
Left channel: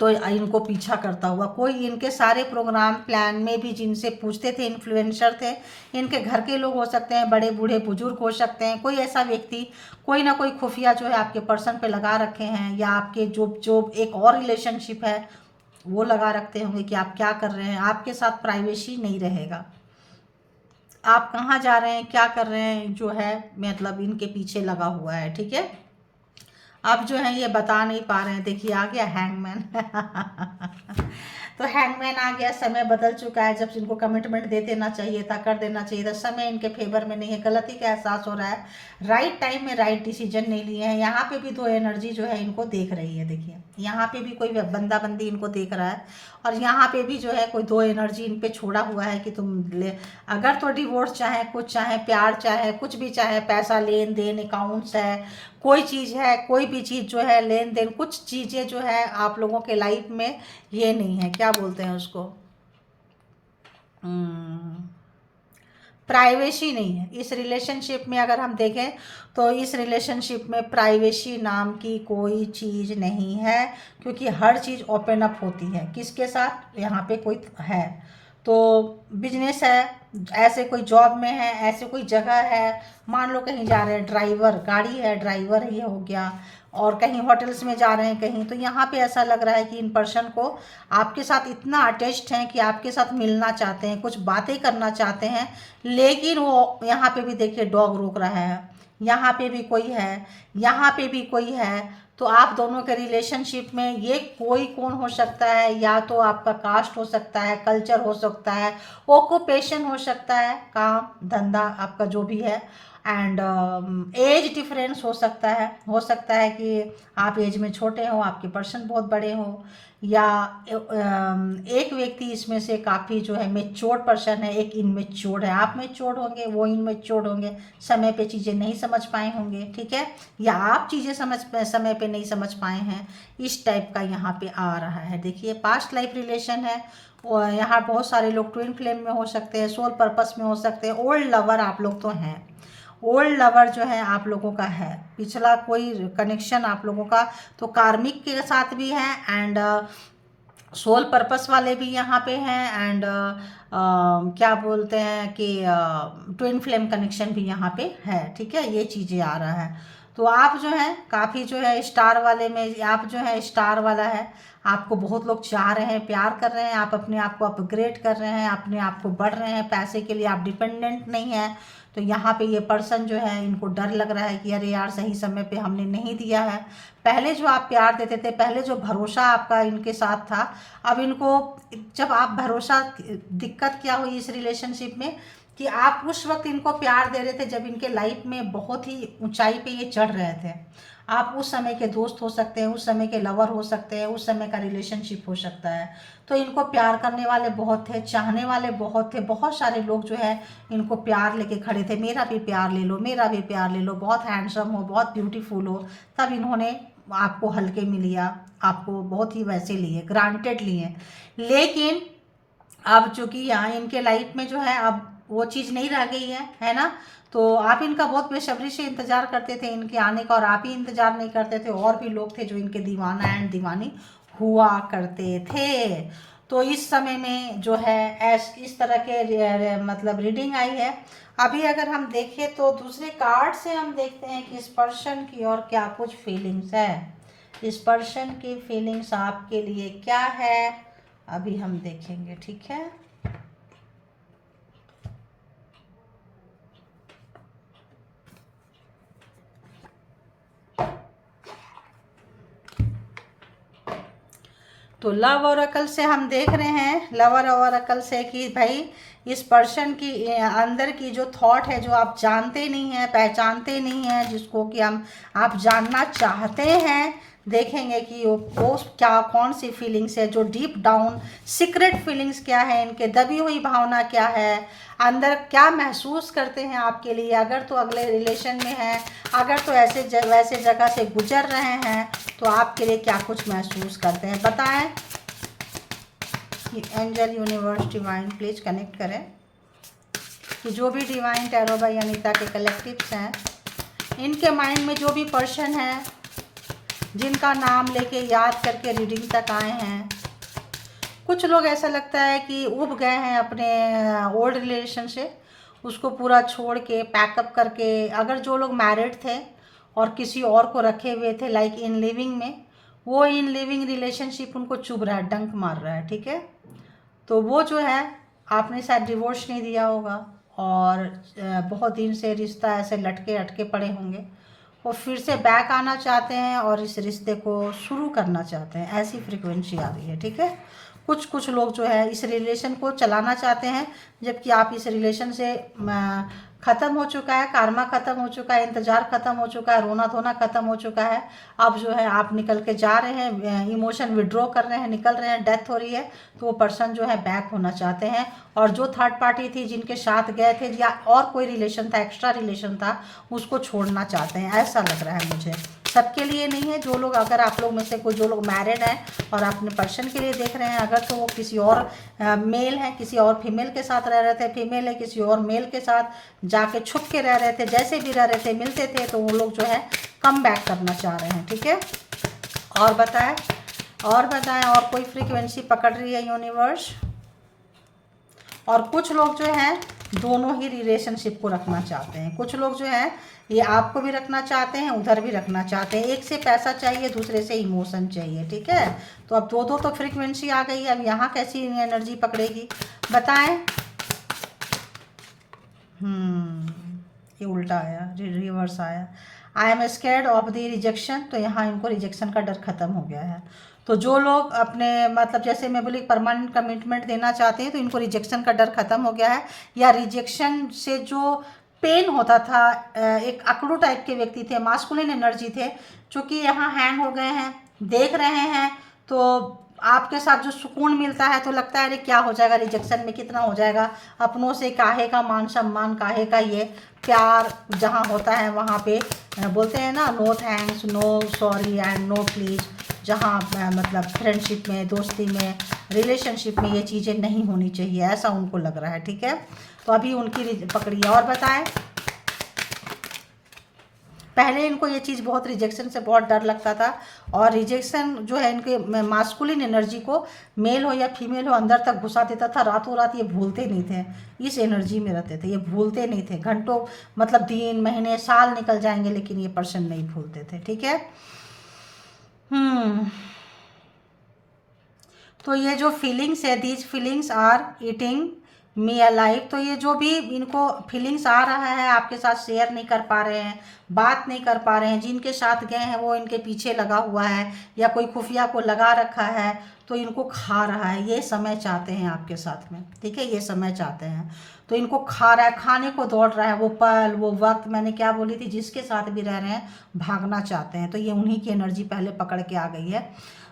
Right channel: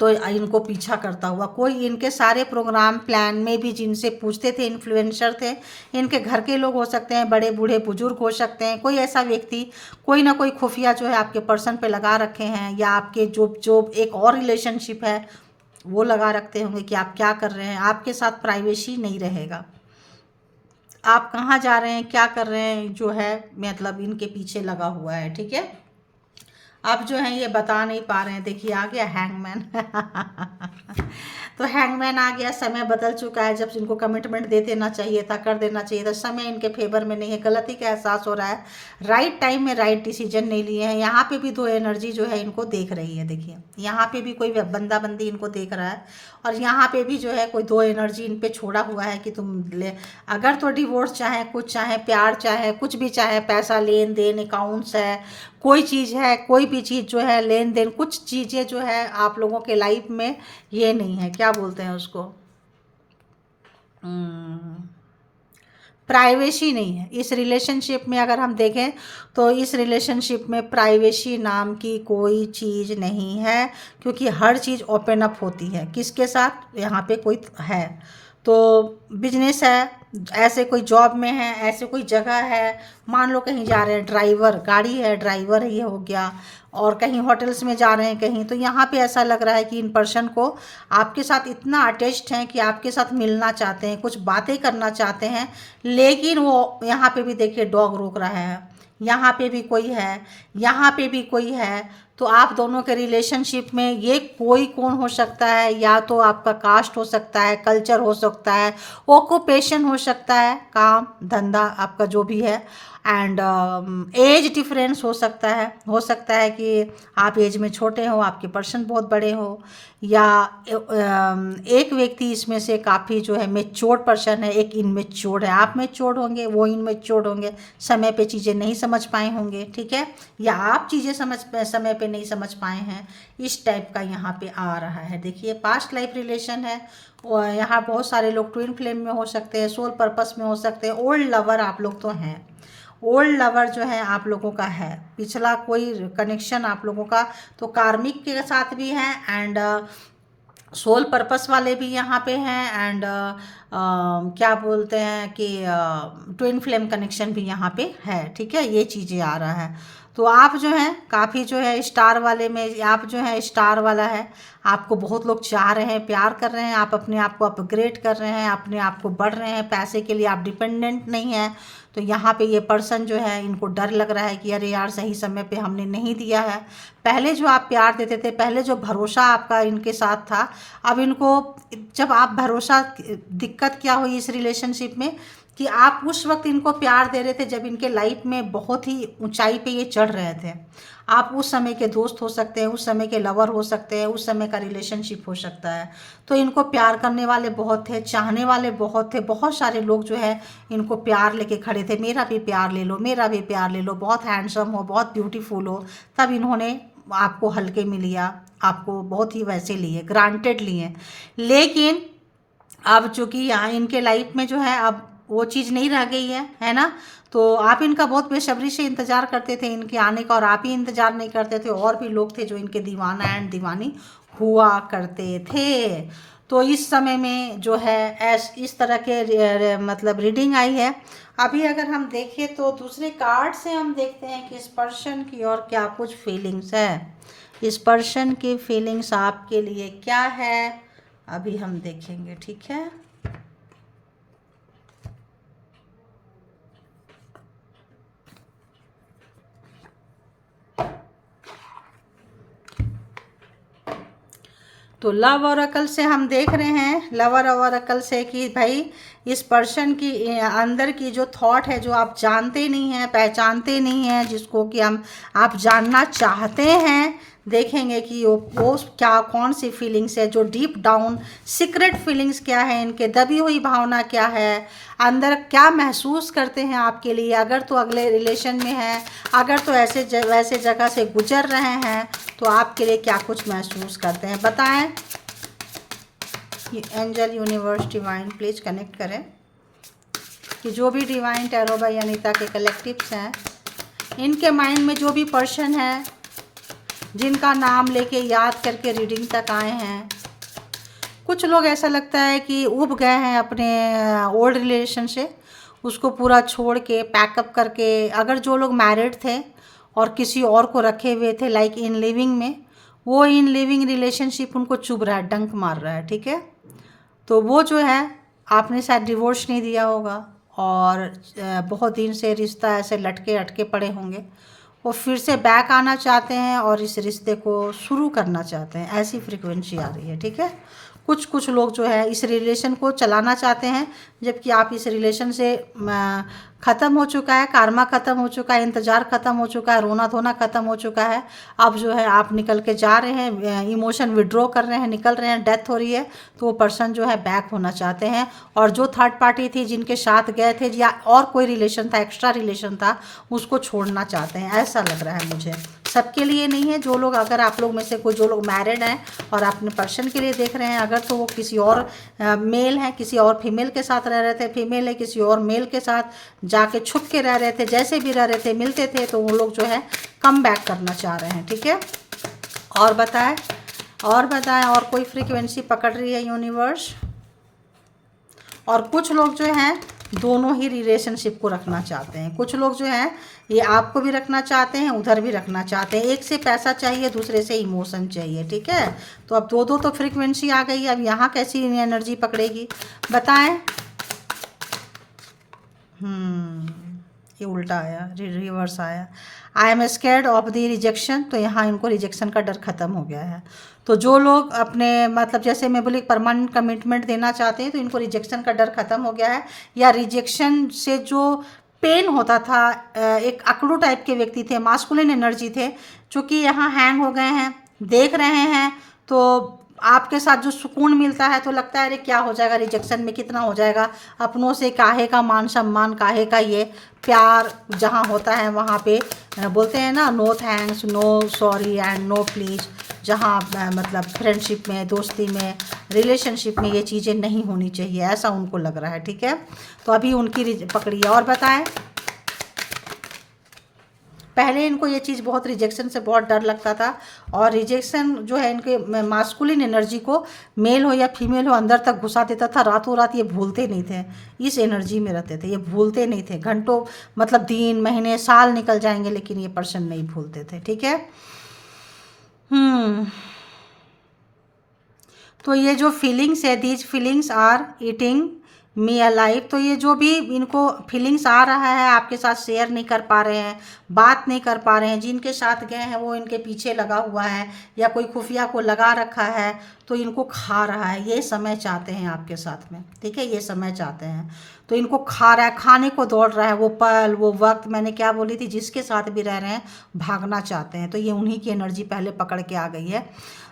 तो इनको पीछा करता हुआ कोई, इनके सारे प्रोग्राम प्लान में भी जिनसे पूछते थे, इन्फ्लुएंसर थे, इनके घर के लोग हो सकते हैं, बड़े बूढ़े बुजुर्ग हो सकते हैं, कोई ऐसा व्यक्ति, कोई ना कोई खुफिया जो है आपके पर्सन पे लगा रखे हैं, या आपके जो एक और रिलेशनशिप है वो लगा रखते होंगे कि आप क्या कर रहे हैं। आपके साथ प्राइवेसी नहीं रहेगा, आप कहाँ जा रहे हैं, क्या कर रहे हैं, जो है मतलब इनके पीछे लगा हुआ है। ठीक है, अब जो है ये बता नहीं पा रहे हैं। देखिए आ गया हैंगमैन तो हैंगमैन आ गया, समय बदल चुका है। जब इनको कमिटमेंट दे देना चाहिए था, कर देना चाहिए था, समय इनके फेवर में नहीं है, गलती का एहसास हो रहा है, राइट टाइम में राइट डिसीजन नहीं लिए हैं। यहाँ पे भी 2 एनर्जी जो है इनको देख रही है। देखिए यहाँ पे भी कोई बंदा बंदी इनको देख रहा है, और यहाँ पे भी जो है कोई 2 एनर्जी इन पे छोड़ा हुआ है कि तुम ले, अगर तो डिवोर्स चाहे, कुछ चाहे, प्यार चाहे, कुछ भी चाहे, पैसा लेन देन, अकाउंट्स है, कोई चीज़ है, कोई भी चीज़ जो है लेन देन, कुछ चीज़ें जो है आप लोगों के लाइफ में ये नहीं है, क्या बोलते हैं उसको, प्राइवेसी नहीं है इस रिलेशनशिप में। अगर हम देखें तो इस रिलेशनशिप में प्राइवेसी नाम की कोई चीज़ नहीं है, क्योंकि हर चीज़ ओपन अप होती है। किसके साथ, यहाँ पे कोई है तो बिजनेस है, ऐसे कोई जॉब में है, ऐसे कोई जगह है, मान लो कहीं जा रहे हैं, ड्राइवर, गाड़ी है, ड्राइवर ये हो गया, और कहीं होटल्स में जा रहे हैं कहीं, तो यहाँ पे ऐसा लग रहा है कि इन पर्सन को आपके साथ इतना अटैच्ड हैं कि आपके साथ मिलना चाहते हैं, कुछ बातें करना चाहते हैं, लेकिन वो यहाँ पे भी देखिए डॉग रोक रहा है, यहाँ पे भी कोई है, यहाँ पे भी कोई है। तो आप दोनों के रिलेशनशिप में ये कोई कौन हो सकता है, या तो आपका कास्ट हो सकता है, कल्चर हो सकता है, ऑक्यूपेशन हो सकता है, काम धंधा आपका जो भी है, एंड एज डिफरेंस हो सकता है कि आप एज में छोटे हो, आपके पर्सन बहुत बड़े हो, या एक व्यक्ति इसमें से काफ़ी जो है मेच्योर्ड पर्सन है, एक इनमेच्योर्ड है। आप मेच्योर्ड होंगे, वो इनमेच्योर्ड होंगे, समय पे चीज़ें नहीं समझ पाए होंगे, ठीक है, या आप चीज़ें समय पे नहीं समझ पाए हैं, इस टाइप का यहाँ पे आ रहा है। देखिए पास्ट लाइफ रिलेशन है, और यहाँ बहुत सारे लोग ट्विन फ्लेम में हो सकते हैं, सोल पर्पस में हो सकते हैं, ओल्ड लवर आप लोग तो हैं, ओल्ड लवर जो है आप लोगों का है, पिछला कोई कनेक्शन आप लोगों का तो कार्मिक के साथ भी है, एंड सोल पर्पस वाले भी यहाँ पे हैं, एंड क्या बोलते हैं कि ट्विन फ्लेम कनेक्शन भी यहाँ पे है, ठीक है, ये चीज़ें आ रहा है। तो आप जो है काफ़ी जो है स्टार वाले में, आप जो है स्टार वाला है, आपको बहुत लोग चाह रहे हैं, प्यार कर रहे हैं, आप अपने आप को अपग्रेड कर रहे हैं, अपने आप को बढ़ रहे हैं, पैसे के लिए आप डिपेंडेंट नहीं हैं। तो यहाँ पे ये पर्सन जो है इनको डर लग रहा है कि अरे यार सही समय पे हमने नहीं दिया है, पहले जो आप प्यार देते थे, पहले जो भरोसा आपका इनके साथ था, अब इनको जब आप भरोसा, दिक्कत क्या हुई इस रिलेशनशिप में कि आप उस वक्त इनको प्यार दे रहे थे जब इनके लाइफ में बहुत ही ऊंचाई पे ये चढ़ रहे थे। आप उस समय के दोस्त हो सकते हैं, उस समय के लवर हो सकते हैं, उस समय का रिलेशनशिप हो सकता है। तो इनको प्यार करने वाले बहुत थे, चाहने वाले बहुत थे, बहुत सारे लोग जो है इनको प्यार लेके खड़े थे, मेरा भी प्यार ले लो, मेरा भी प्यार ले लो, बहुत हैंडसम हो, बहुत ब्यूटीफुल हो, तब इन्होंने आपको हल्के में लिया, आपको बहुत ही वैसे लिए, ग्रांटेड लिए। लेकिन अब चूँकि यहाँ इनके लाइफ में जो है अब वो चीज़ नहीं रह गई है ना, तो आप इनका बहुत बेसब्री से इंतज़ार करते थे इनके आने का, और आप ही इंतज़ार नहीं करते थे, और भी लोग थे जो इनके दीवाना एंड दीवानी हुआ करते थे। तो इस समय में जो है इस तरह के मतलब रीडिंग आई है। अभी अगर हम देखें तो दूसरे कार्ड से हम देखते हैं कि इस पर्सन की और क्या कुछ फीलिंग्स है, इस पर्सन की फीलिंग्स आपके लिए क्या है, अभी हम देखेंगे, ठीक है। तो लव ऑरेकल से हम देख रहे हैं, लवर ऑरेकल से कि भाई इस पर्सन की अंदर की जो थॉट है, जो आप जानते नहीं हैं, पहचानते नहीं हैं, जिसको कि आप जानना चाहते हैं, देखेंगे कि वो क्या, कौन सी फीलिंग्स है, जो डीप डाउन सीक्रेट फीलिंग्स क्या है, इनके दबी हुई भावना क्या है, अंदर क्या महसूस करते हैं आपके लिए, अगर तो अगले रिलेशन में है, अगर तो वैसे जगह से गुजर रहे हैं, तो आपके लिए क्या कुछ महसूस करते हैं, बताएं। Angel, universe, divine please connect करें कि जो भी डिवाइन टैरो बाय अनीता के कलेक्टिव्स हैं, इनके माइंड में जो भी पर्सन है जिनका नाम लेके याद करके रीडिंग तक आए हैं, कुछ लोग ऐसा लगता है कि उब गए हैं अपने ओल्ड रिलेशन से, उसको पूरा छोड़ के पैकअप करके, अगर जो लोग मैरिड थे और किसी और को रखे हुए थे लाइक इन लिविंग में, वो इन लिविंग रिलेशनशिप उनको चुभ रहा है, डंक मार रहा है, ठीक है। तो वो जो है आपने शायद डिवोर्स नहीं दिया होगा, और बहुत दिन से रिश्ता ऐसे लटके अटके पड़े होंगे, वो फिर से बैक आना चाहते हैं और इस रिश्ते को शुरू करना चाहते हैं, ऐसी फ्रीक्वेंसी आ रही है, ठीक है। कुछ लोग जो है इस रिलेशन को चलाना चाहते हैं, जबकि आप इस रिलेशन से ख़त्म हो चुका है, कार्मा ख़त्म हो चुका है, इंतज़ार ख़त्म हो चुका है, रोना धोना ख़त्म हो चुका है। अब जो है आप निकल के जा रहे हैं, इमोशन विड्रॉ कर रहे हैं, निकल रहे हैं, डेथ हो रही है, तो वो पर्सन जो है बैक होना चाहते हैं। और जो थर्ड पार्टी थी जिनके साथ गए थे, या और कोई रिलेशन था, एक्स्ट्रा रिलेशन था, उसको छोड़ना चाहते हैं, ऐसा लग रहा है मुझे। सबके लिए नहीं है, जो लोग, अगर आप लोग में से कोई जो लोग मैरिड हैं और अपने पर्सन के लिए देख रहे हैं, अगर तो वो किसी और मेल है, किसी और फीमेल के साथ रह रहे थे, फीमेल है किसी और मेल के साथ जाके छुप के रह रहे थे, जैसे भी रह रहे थे, मिलते थे, तो वो लोग जो है कम बैक करना चाह रहे हैं, ठीक है। और बताएं, और कोई फ्रीक्वेंसी पकड़ रही है यूनिवर्स। और कुछ लोग जो हैं दोनों ही रिलेशनशिप को रखना चाहते हैं, कुछ लोग जो हैं ये आपको भी रखना चाहते हैं, उधर भी रखना चाहते हैं, एक से पैसा चाहिए, दूसरे से इमोशन चाहिए, ठीक है। तो अब दो तो फ्रीक्वेंसी आ गई, अब यहाँ कैसी एनर्जी पकड़ेगी, बताएं। ये उल्टा आया, रिवर्स आया। I am scared of the rejection, तो यहाँ इनको रिजेक्शन का डर ख़त्म हो गया है। तो जो लोग अपने मतलब जैसे मैं बोली परमानेंट कमिटमेंट देना चाहते हैं तो इनको रिजेक्शन का डर ख़त्म हो गया है, या रिजेक्शन से जो पेन होता था, एक अकड़ू टाइप के व्यक्ति थे, मास्कुलिन एनर्जी थे, चूँकि यहाँ हैंग हो गए हैं, देख रहे हैं, तो आपके साथ जो सुकून मिलता है तो लगता है अरे क्या हो जाएगा, रिजेक्शन में कितना हो जाएगा, अपनों से काहे का मान सम्मान, काहे का ये प्यार जहाँ होता है वहाँ पे बोलते हैं ना no thanks, no sorry and no please. जहाँ मतलब फ्रेंडशिप में, दोस्ती में, रिलेशनशिप में ये चीज़ें नहीं होनी चाहिए, ऐसा उनको लग रहा है। ठीक है, तो अभी उनकी पकड़िए और बताएं। पहले इनको ये चीज़ बहुत रिजेक्शन से बहुत डर लगता था, और रिजेक्शन जो है इनके मास्कुलिन एनर्जी को, मेल हो या फीमेल हो, अंदर तक घुसा देता था। रातों रात ये भूलते नहीं थे, इस एनर्जी में रहते थे, ये भूलते नहीं थे। घंटों मतलब दिन, महीने, साल निकल जाएंगे लेकिन ये पर्सन नहीं भूलते थे। ठीक है, तो ये जो फीलिंग्स है, these feelings are eating me alive, तो ये जो भी इनको फीलिंग्स आ रहा है आपके साथ शेयर नहीं कर पा रहे हैं, बात नहीं कर पा रहे हैं, जिनके साथ गए हैं वो इनके पीछे लगा हुआ है या कोई खुफिया को लगा रखा है तो इनको खा रहा है। ये समय चाहते हैं आपके साथ में, ठीक है, ये समय चाहते हैं तो इनको खा रहा है, खाने को दौड़ रहा है। वो पल, वो वक्त, मैंने क्या बोली थी, जिसके साथ भी रह रहे हैं भागना चाहते हैं, तो ये उन्हीं की एनर्जी पहले पकड़ के आ गई है।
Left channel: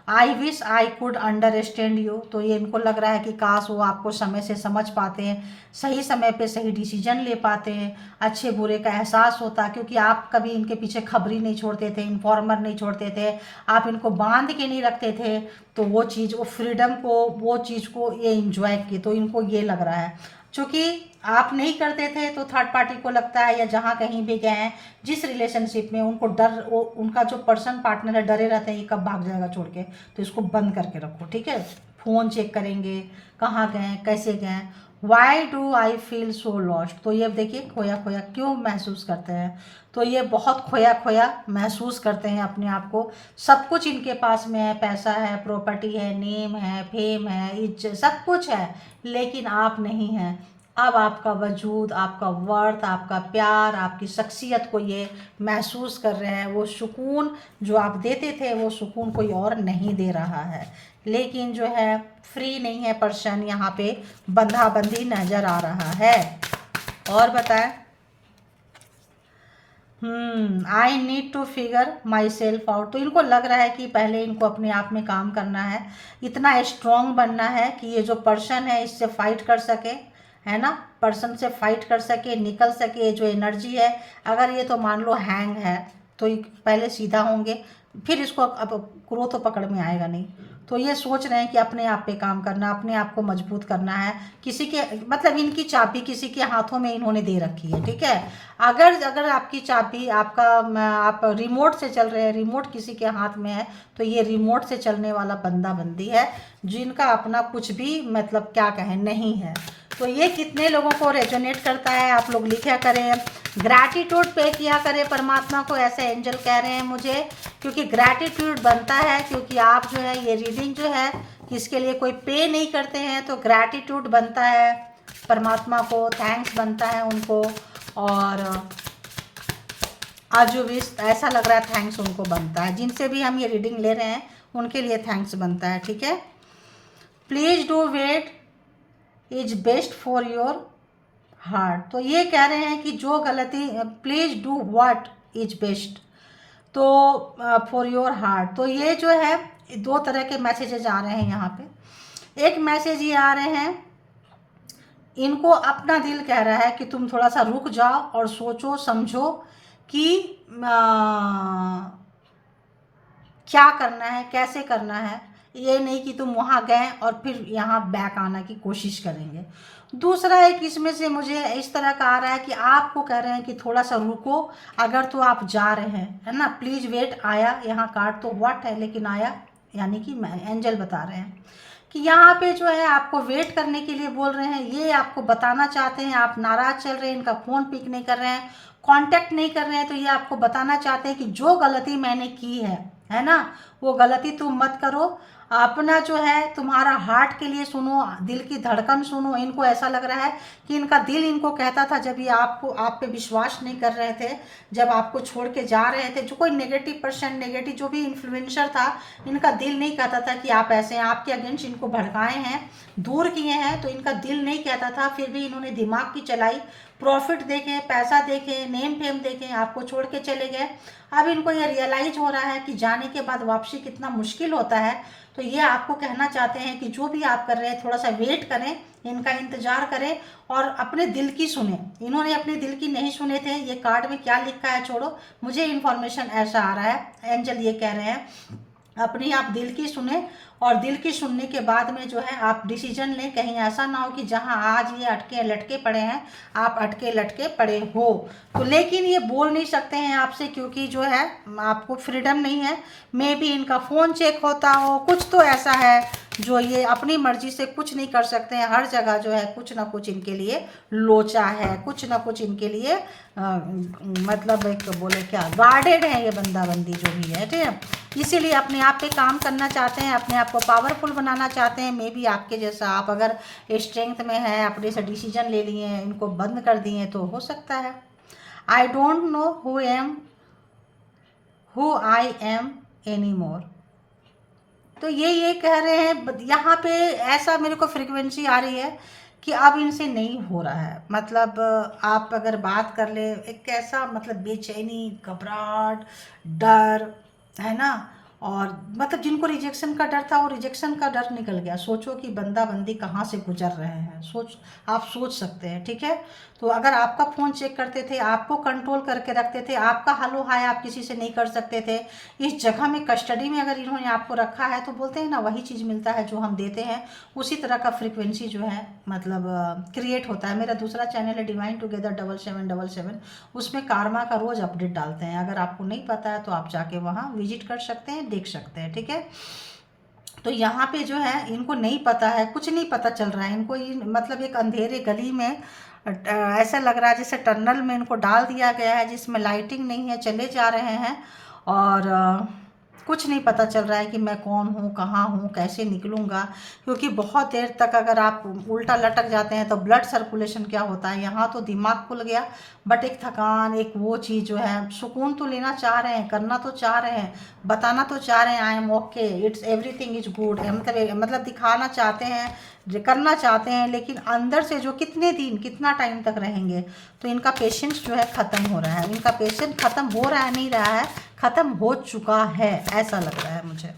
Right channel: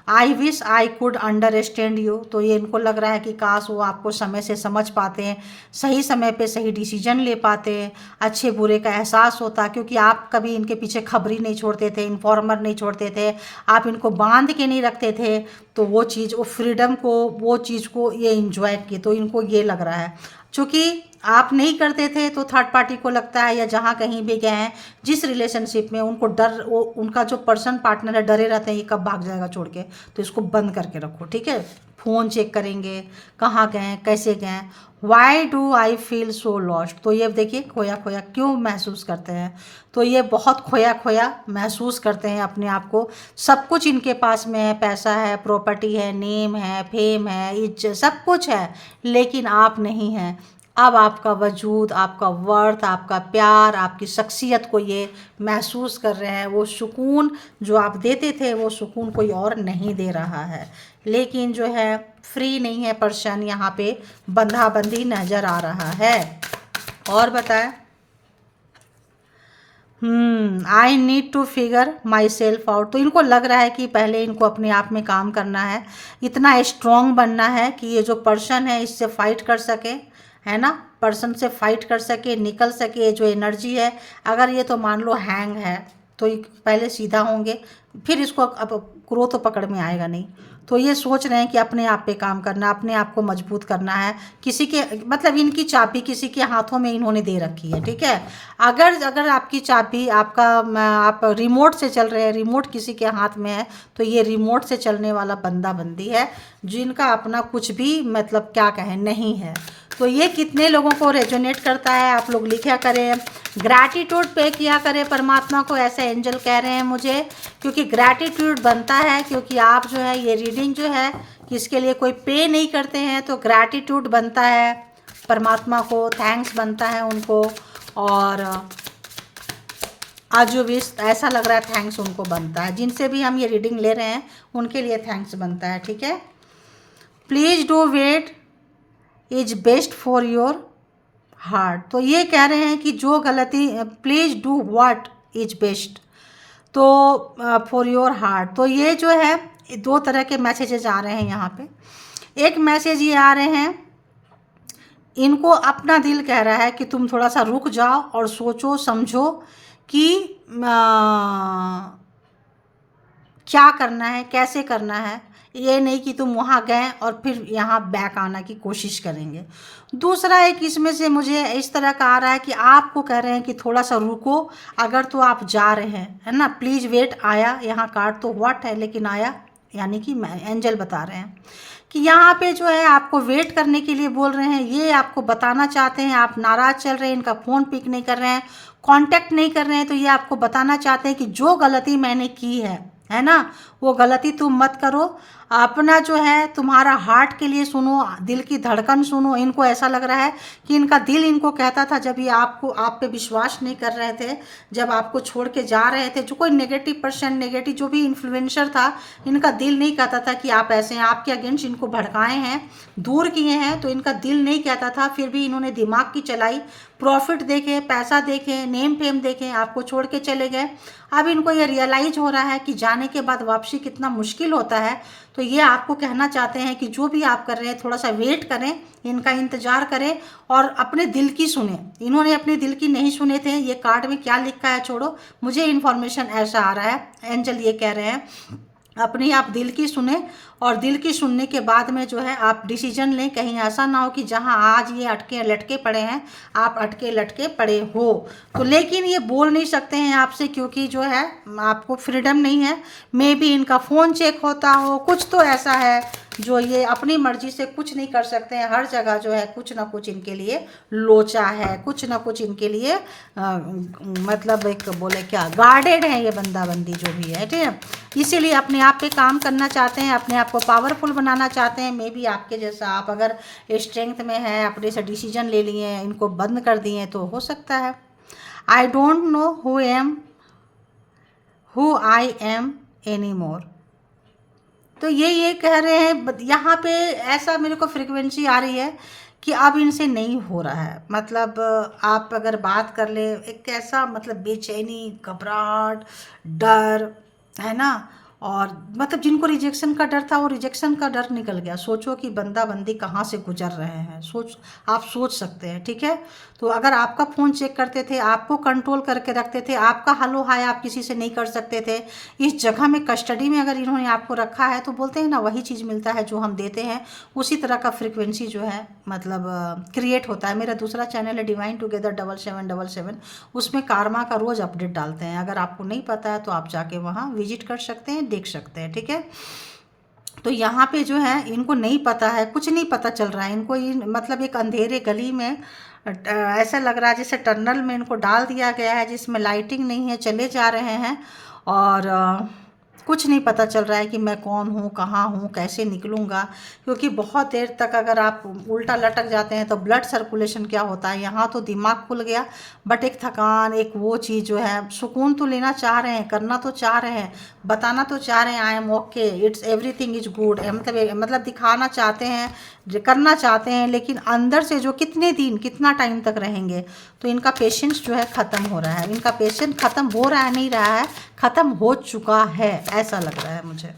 I wish I could understand you, तो ये इनको लग रहा है कि काश वो आपको समय से समझ पाते हैं, सही समय पे सही डिसीजन ले पाते हैं, अच्छे बुरे का एहसास होता, क्योंकि आप कभी इनके पीछे खबरी नहीं छोड़ते थे, इन्फॉर्मर नहीं छोड़ते थे, आप इनको बांध के नहीं रखते थे, तो वो चीज़, वो फ्रीडम को, वो चीज़ को ये इंजॉय की, तो इनको ये लग रहा है। चूँकि आप नहीं करते थे तो थर्ड पार्टी को लगता है, या जहाँ कहीं भी गए हैं जिस रिलेशनशिप में, उनको डर, वो उनका जो पर्सन पार्टनर है डरे रहते हैं ये कब भाग जाएगा छोड़ के, तो इसको बंद करके रखो। ठीक है, फ़ोन चेक करेंगे, कहाँ गए, कैसे गए। Why do I feel so lost, तो ये देखिए खोया खोया क्यों महसूस करते हैं, तो ये बहुत खोया खोया महसूस करते हैं अपने आप को। सब कुछ इनके पास में है, पैसा है, प्रॉपर्टी है, नेम है, फेम है, इज्जत, सब कुछ है, लेकिन आप नहीं हैं। अब आपका वजूद, आपका वर्थ, आपका प्यार, आपकी शख्सियत को ये महसूस कर रहे हैं। वो सुकून जो आप देते थे वो सुकून कोई और नहीं दे रहा है, लेकिन जो है फ्री नहीं है पर्सन, यहाँ पे बंधा बंधी नज़र आ रहा है। और बताएं। I need to figure myself out, तो इनको लग रहा है कि पहले इनको अपने आप में काम करना है, इतना स्ट्रॉन्ग बनना है कि ये जो पर्सन है इससे फाइट कर सके, है ना, पर्सन से फाइट कर सके, निकल सके। जो एनर्जी है, अगर ये तो मान लो हैंग है तो ये पहले सीधा होंगे, फिर इसको अब ग्रोथ तो पकड़ में आएगा नहीं, तो ये सोच रहे हैं कि अपने आप पे काम करना, अपने आप को मजबूत करना है। किसी के मतलब इनकी चाबी किसी के हाथों में इन्होंने दे रखी है। ठीक है, अगर आपकी चाबी आपका, आप रिमोट से चल रहे हैं, रिमोट किसी के हाथ में है, तो ये रिमोट से चलने वाला बंदा बंदी है जिनका अपना कुछ भी मतलब क्या कहें नहीं है। तो ये कितने लोगों को रेजोनेट करता है आप लोग लिखा करें, ग्रैटिट्यूड पे किया करें परमात्मा को, ऐसे एंजल कह रहे हैं मुझे, क्योंकि ग्रैटिट्यूड बनता है, क्योंकि आप जो है ये रीडिंग जो है इसके लिए कोई पे नहीं करते हैं, तो ग्रैटिट्यूड बनता है परमात्मा को, थैंक्स बनता है उनको, और आज जो भी ऐसा लग रहा है थैंक्स उनको बनता है, जिनसे भी हम ये रीडिंग ले रहे हैं उनके लिए थैंक्स बनता है। ठीक है, please do what is best for your heart, तो ये कह रहे हैं कि जो गलती, please do what is best, तो फॉर योर हार्ट, तो ये जो है दो तरह के मैसेजेस आ रहे हैं यहाँ पे। एक मैसेज ये आ रहे हैं, इनको अपना दिल कह रहा है कि तुम थोड़ा सा रुक जाओ और सोचो समझो कि क्या करना है, कैसे करना है। ये नहीं कि तुम वहाँ गए और फिर यहाँ बैक आना की कोशिश करेंगे। दूसरा एक इसमें से मुझे इस तरह का आ रहा है कि आपको कह रहे हैं कि थोड़ा सा रुको, अगर तो आप जा रहे हैं, है ना, प्लीज़ वेट आया, यहाँ कार्ड तो व्हाट है लेकिन आया, यानी कि एंजल बता रहे हैं कि यहाँ पे जो है आपको वेट करने के लिए बोल रहे हैं। ये आपको बताना चाहते हैं, आप नाराज़ चल रहे हैं, इनका फ़ोन पिक नहीं कर रहे हैं, कांटेक्ट नहीं कर रहे हैं तो ये आपको बताना चाहते हैं कि जो गलती मैंने की है ना, वो गलती तुम मत करो। अपना जो है तुम्हारा हार्ट के लिए सुनो, दिल की धड़कन सुनो। इनको ऐसा लग रहा है कि इनका दिल इनको कहता था, जब ये आपको आप पे विश्वास नहीं कर रहे थे, जब आपको छोड़ के जा रहे थे, जो कोई नेगेटिव पर्सन, नेगेटिव जो भी इन्फ्लुएंसर था, इनका दिल नहीं कहता था कि आप ऐसे हैं। आपके अगेंस्ट इनको भड़काए हैं, दूर किए हैं, तो इनका दिल नहीं कहता था। फिर भी इन्होंने दिमाग की चलाई, प्रॉफिट देखे, पैसा देखे, नेम फेम देखे, आपको छोड़ के चले गए। अब इनको ये रियलाइज हो रहा है कि जाने के बाद वापसी कितना मुश्किल होता है। तो ये आपको कहना चाहते हैं कि जो भी आप कर रहे हैं थोड़ा सा वेट करें, इनका इंतजार करें और अपने दिल की सुने। इन्होंने अपने दिल की नहीं सुने थे। ये कार्ड में क्या लिखा है छोड़ो, मुझे इन्फॉर्मेशन ऐसा आ रहा है, एंजल ये कह रहे हैं अपनी आप दिल की सुने, और दिल की सुनने के बाद में जो है आप डिसीजन लें। कहीं ऐसा ना हो कि जहां आज ये अटके लटके पड़े हैं, आप अटके लटके पड़े हो। तो लेकिन ये बोल नहीं सकते हैं आपसे, क्योंकि जो है आपको फ्रीडम नहीं है। मे बी इनका फ़ोन चेक होता हो, कुछ तो ऐसा है जो ये अपनी मर्जी से कुछ नहीं कर सकते हैं। हर जगह जो है कुछ ना कुछ इनके लिए लोचा है, कुछ ना कुछ इनके लिए मतलब एक बोले क्या गार्डेड है ये बंदा बंदी जो भी है, ठीक है। इसीलिए अपने आप पे काम करना चाहते हैं, अपने आप को पावरफुल बनाना चाहते हैं। मे बी आपके जैसा आप अगर स्ट्रेंथ में है, अपने से डिसीजन ले लिए हैं, इनको बंद कर दिए हैं, तो हो सकता है। I don't know who I am any more. तो ये कह रहे हैं यहाँ पे, ऐसा मेरे को फ्रिक्वेंसी आ रही है कि अब इनसे नहीं हो रहा है। मतलब आप अगर बात कर ले, एक ऐसा मतलब बेचैनी, घबराहट, डर है ना, और मतलब जिनको रिजेक्शन का डर था वो रिजेक्शन का डर निकल गया। सोचो कि बंदा बंदी कहाँ से गुजर रहे हैं, आप सोच सकते हैं, ठीक है। तो अगर आपका फ़ोन चेक करते थे, आपको कंट्रोल करके रखते थे, आपका हेलो हाय आप किसी से नहीं कर सकते थे, इस जगह में कस्टडी में अगर इन्होंने आपको रखा है, तो बोलते हैं ना वही चीज़ मिलता है जो हम देते हैं, उसी तरह का फ्रिक्वेंसी जो है मतलब क्रिएट होता है। मेरा दूसरा चैनल है डिवाइन टुगेदर 7777, उसमें कारमा का रोज़ अपडेट डालते हैं। अगर आपको नहीं पता है तो आप जाके वहाँ विजिट कर सकते हैं, देख सकते हैं, ठीक है। तो यहाँ पे जो है इनको नहीं पता है, कुछ नहीं पता चल रहा है इनको। मतलब एक अंधेरे गली में ऐसा लग रहा है जैसे टनल में इनको डाल दिया गया है, जिसमें लाइटिंग नहीं है, चले जा रहे हैं और कुछ नहीं पता चल रहा है कि मैं कौन हूँ, कहाँ हूँ, कैसे निकलूँगा। क्योंकि बहुत देर तक अगर आप उल्टा लटक जाते हैं तो ब्लड सर्कुलेशन क्या होता है, यहाँ तो दिमाग खुल गया, बट एक थकान, एक वो चीज़ जो है, सुकून तो लेना चाह रहे हैं, करना तो चाह रहे हैं, बताना तो चाह रहे हैं I am okay, it's everything is good, मतलब दिखाना चाहते हैं, करना चाहते हैं, लेकिन अंदर से जो कितने दिन कितना टाइम तक रहेंगे। तो इनका पेशेंस जो है ख़त्म हो रहा है। इनका पेशेंस ख़त्म हो रहा है, नहीं रहा है, ख़त्म हो चुका है, ऐसा लग रहा है मुझे।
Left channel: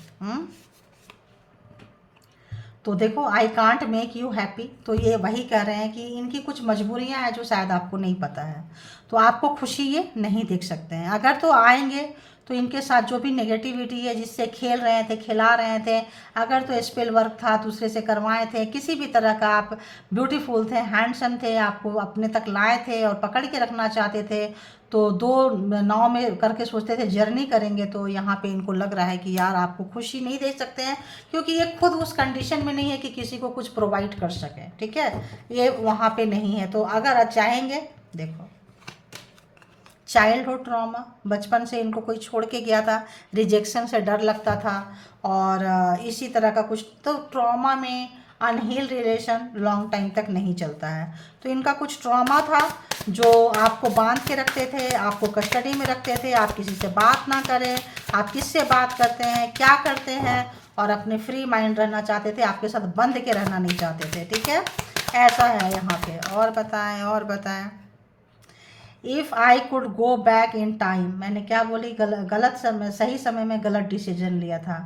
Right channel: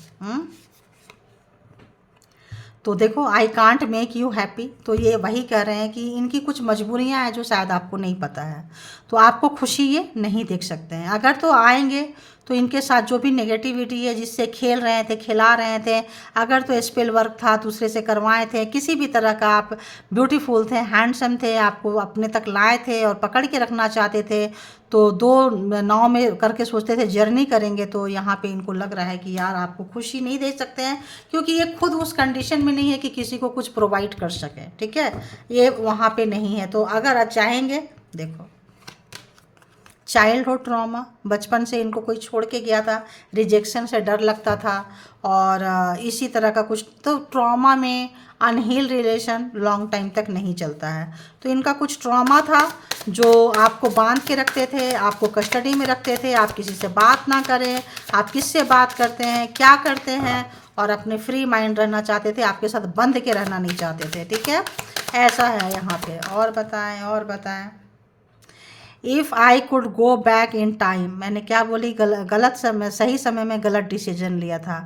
तो देखो, I can't make you happy, तो ये वही कह रहे हैं कि इनकी कुछ मजबूरियां हैं जो शायद आपको नहीं पता है। तो आपको खुशी ये नहीं देख सकते हैं। अगर तो आएंगे तो इनके साथ जो भी नेगेटिविटी है, जिससे खेल रहे थे, खिला रहे थे, अगर तो स्पेल वर्क था, दूसरे से करवाए थे, किसी भी तरह का, आप ब्यूटीफुल थे, हैंडसम थे, आपको अपने तक लाए थे और पकड़ के रखना चाहते थे, तो दो नाव में करके सोचते थे जर्नी करेंगे। तो यहाँ पे इनको लग रहा है कि यार आपको खुशी नहीं दे सकते हैं, क्योंकि ये खुद उस कंडीशन में नहीं है कि किसी को कुछ प्रोवाइड कर सके, ठीक है, ये वहाँ पे नहीं है। तो अगर चाहेंगे, देखो चाइल्डहुड ट्रॉमा, बचपन से इनको कोई छोड़ के गया था, रिजेक्शन से डर लगता था, और इसी तरह का कुछ, तो ट्रॉमा में अनहील रिलेशन लॉन्ग टाइम तक नहीं चलता है। तो इनका कुछ ट्रॉमा था जो आपको बांध के रखते थे, आपको कस्टडी में रखते थे, आप किसी से बात ना करें, आप किससे बात करते हैं, क्या करते हैं, और अपने फ्री माइंड रहना चाहते थे, आपके साथ बंध के रहना नहीं चाहते थे, ठीक है, ऐसा है यहाँ पे। और बताएं if I could go back in time, मैंने क्या बोली, गलत समय, सही समय में गलत डिसीजन लिया था।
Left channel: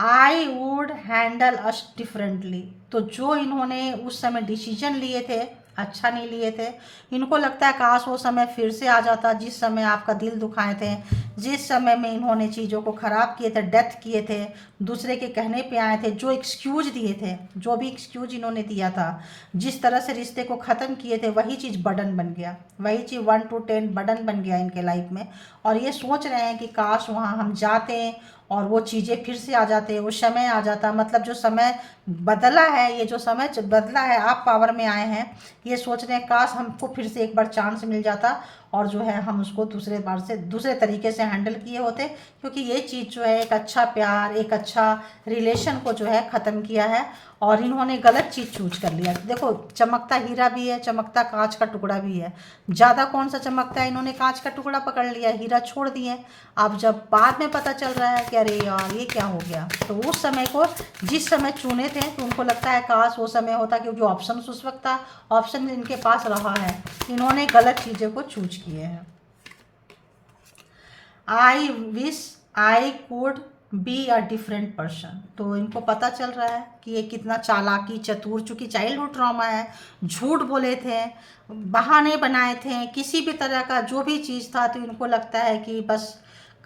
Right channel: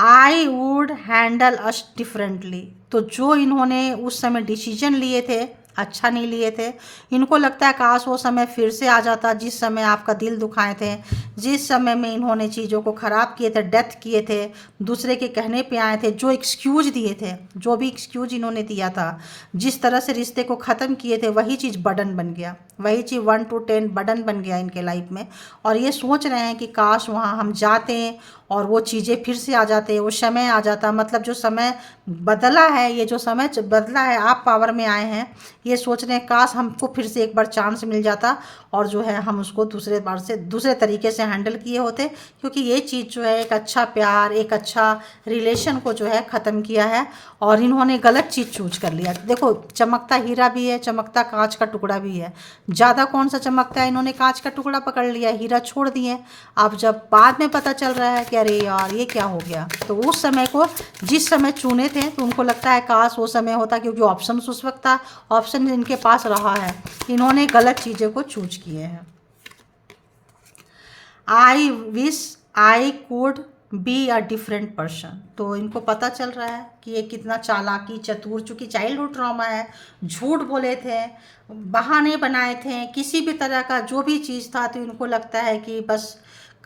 I would handle us differently, तो जो इन्होंने उस समय डिसीजन लिए थे अच्छा नहीं लिए थे। इनको लगता है काश वो समय फिर से आ जाता जिस समय आपका दिल दुखाए थे, जिस समय में इन्होंने चीज़ों को ख़राब किए थे, डेथ किए थे, दूसरे के कहने पे आए थे, जो एक्सक्यूज दिए थे, जो भी एक्सक्यूज इन्होंने दिया था, जिस तरह से रिश्ते को ख़त्म किए थे, वही चीज़ बर्डन बन गया, वही चीज़ 1 to 10 बर्डन बन गया इनके लाइफ में। और ये सोच रहे हैं कि काश वहाँ हम जाते और वो चीज़ें फिर से आ जाते हैं, वो समय आ जाता, मतलब जो समय बदला है, ये जो समय बदला है, आप पावर में आए हैं, ये सोच रहे हैं काश हमको फिर से एक बार चांस मिल जाता और जो है हम उसको दूसरे बार से दूसरे तरीके से हैंडल किए होते, क्योंकि ये चीज़ जो है एक अच्छा प्यार, एक अच्छा रिलेशन को जो है ख़त्म किया है और इन्होंने गलत चीज़ चूज कर लिया। देखो, चमकता हीरा भी है, चमकता कांच का टुकड़ा भी है। ज़्यादा कौन सा चमकता है, इन्होंने कांच का टुकड़ा पकड़ लिया, हीरा छोड़ दिए। अब जब बाद में पता चल रहा है कि अरे यार ये क्या हो गया, तो उस समय को जिस समय चुने थे तो उनको लगता है काश वो समय होता, क्योंकि ऑप्शन उस वक्त था, ऑप्शन इनके पास रहा है, इन्होंने गलत चीज़ों को चूज किए हैं। I wish I could be a different person. तो इनको पता चल रहा है कि ये कितना चालाकी चतुर, चूँकि चाइल्डहुड ट्रॉमा है, झूठ बोले थे, बहाने बनाए थे, किसी भी तरह का जो भी चीज़ था, तो इनको लगता है कि बस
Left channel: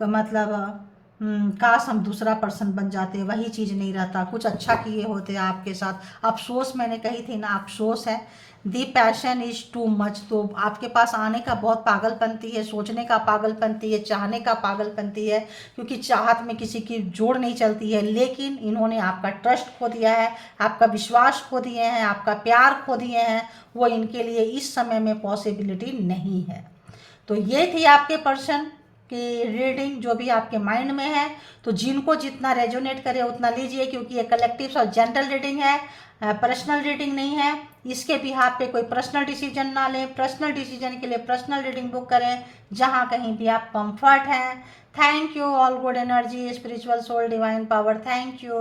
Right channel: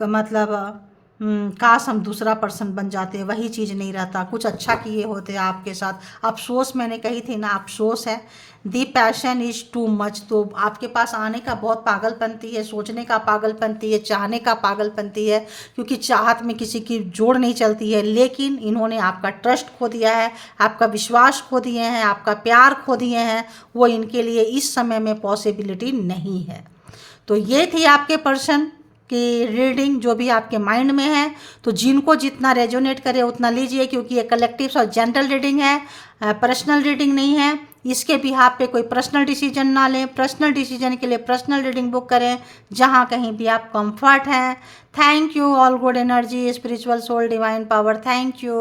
मतलब काश हम दूसरा पर्सन बन जाते, वही चीज़ नहीं रहता, कुछ अच्छा किए होते आपके साथ। अफसोस मैंने कही थी ना, अफसोस है। दी पैशन इज़ टू मच, तो आपके पास आने का बहुत पागलपंती है, सोचने का पागलपंती है, चाहने का पागलपंती है, क्योंकि चाहत में किसी की जोड़ नहीं चलती है। लेकिन इन्होंने आपका ट्रस्ट खो दिया है, आपका विश्वास खो दिए हैं, आपका प्यार खो दिए हैं, वो इनके लिए इस समय में पॉसिबिलिटी नहीं है। तो ये थी आपके पर्सन की रीडिंग, जो भी आपके माइंड में है। तो जिनको जितना रेजोनेट करे उतना लीजिए, क्योंकि ये कलेक्टिव और जनरल रीडिंग है, पर्सनल रीडिंग नहीं है। इसके बिहाफ पे कोई पर्सनल डिसीजन ना लें, पर्सनल डिसीजन के लिए पर्सनल रीडिंग बुक करें, जहाँ कहीं भी आप कंफर्ट हैं। Thank you, all good energy, spiritual soul, divine power, thank you.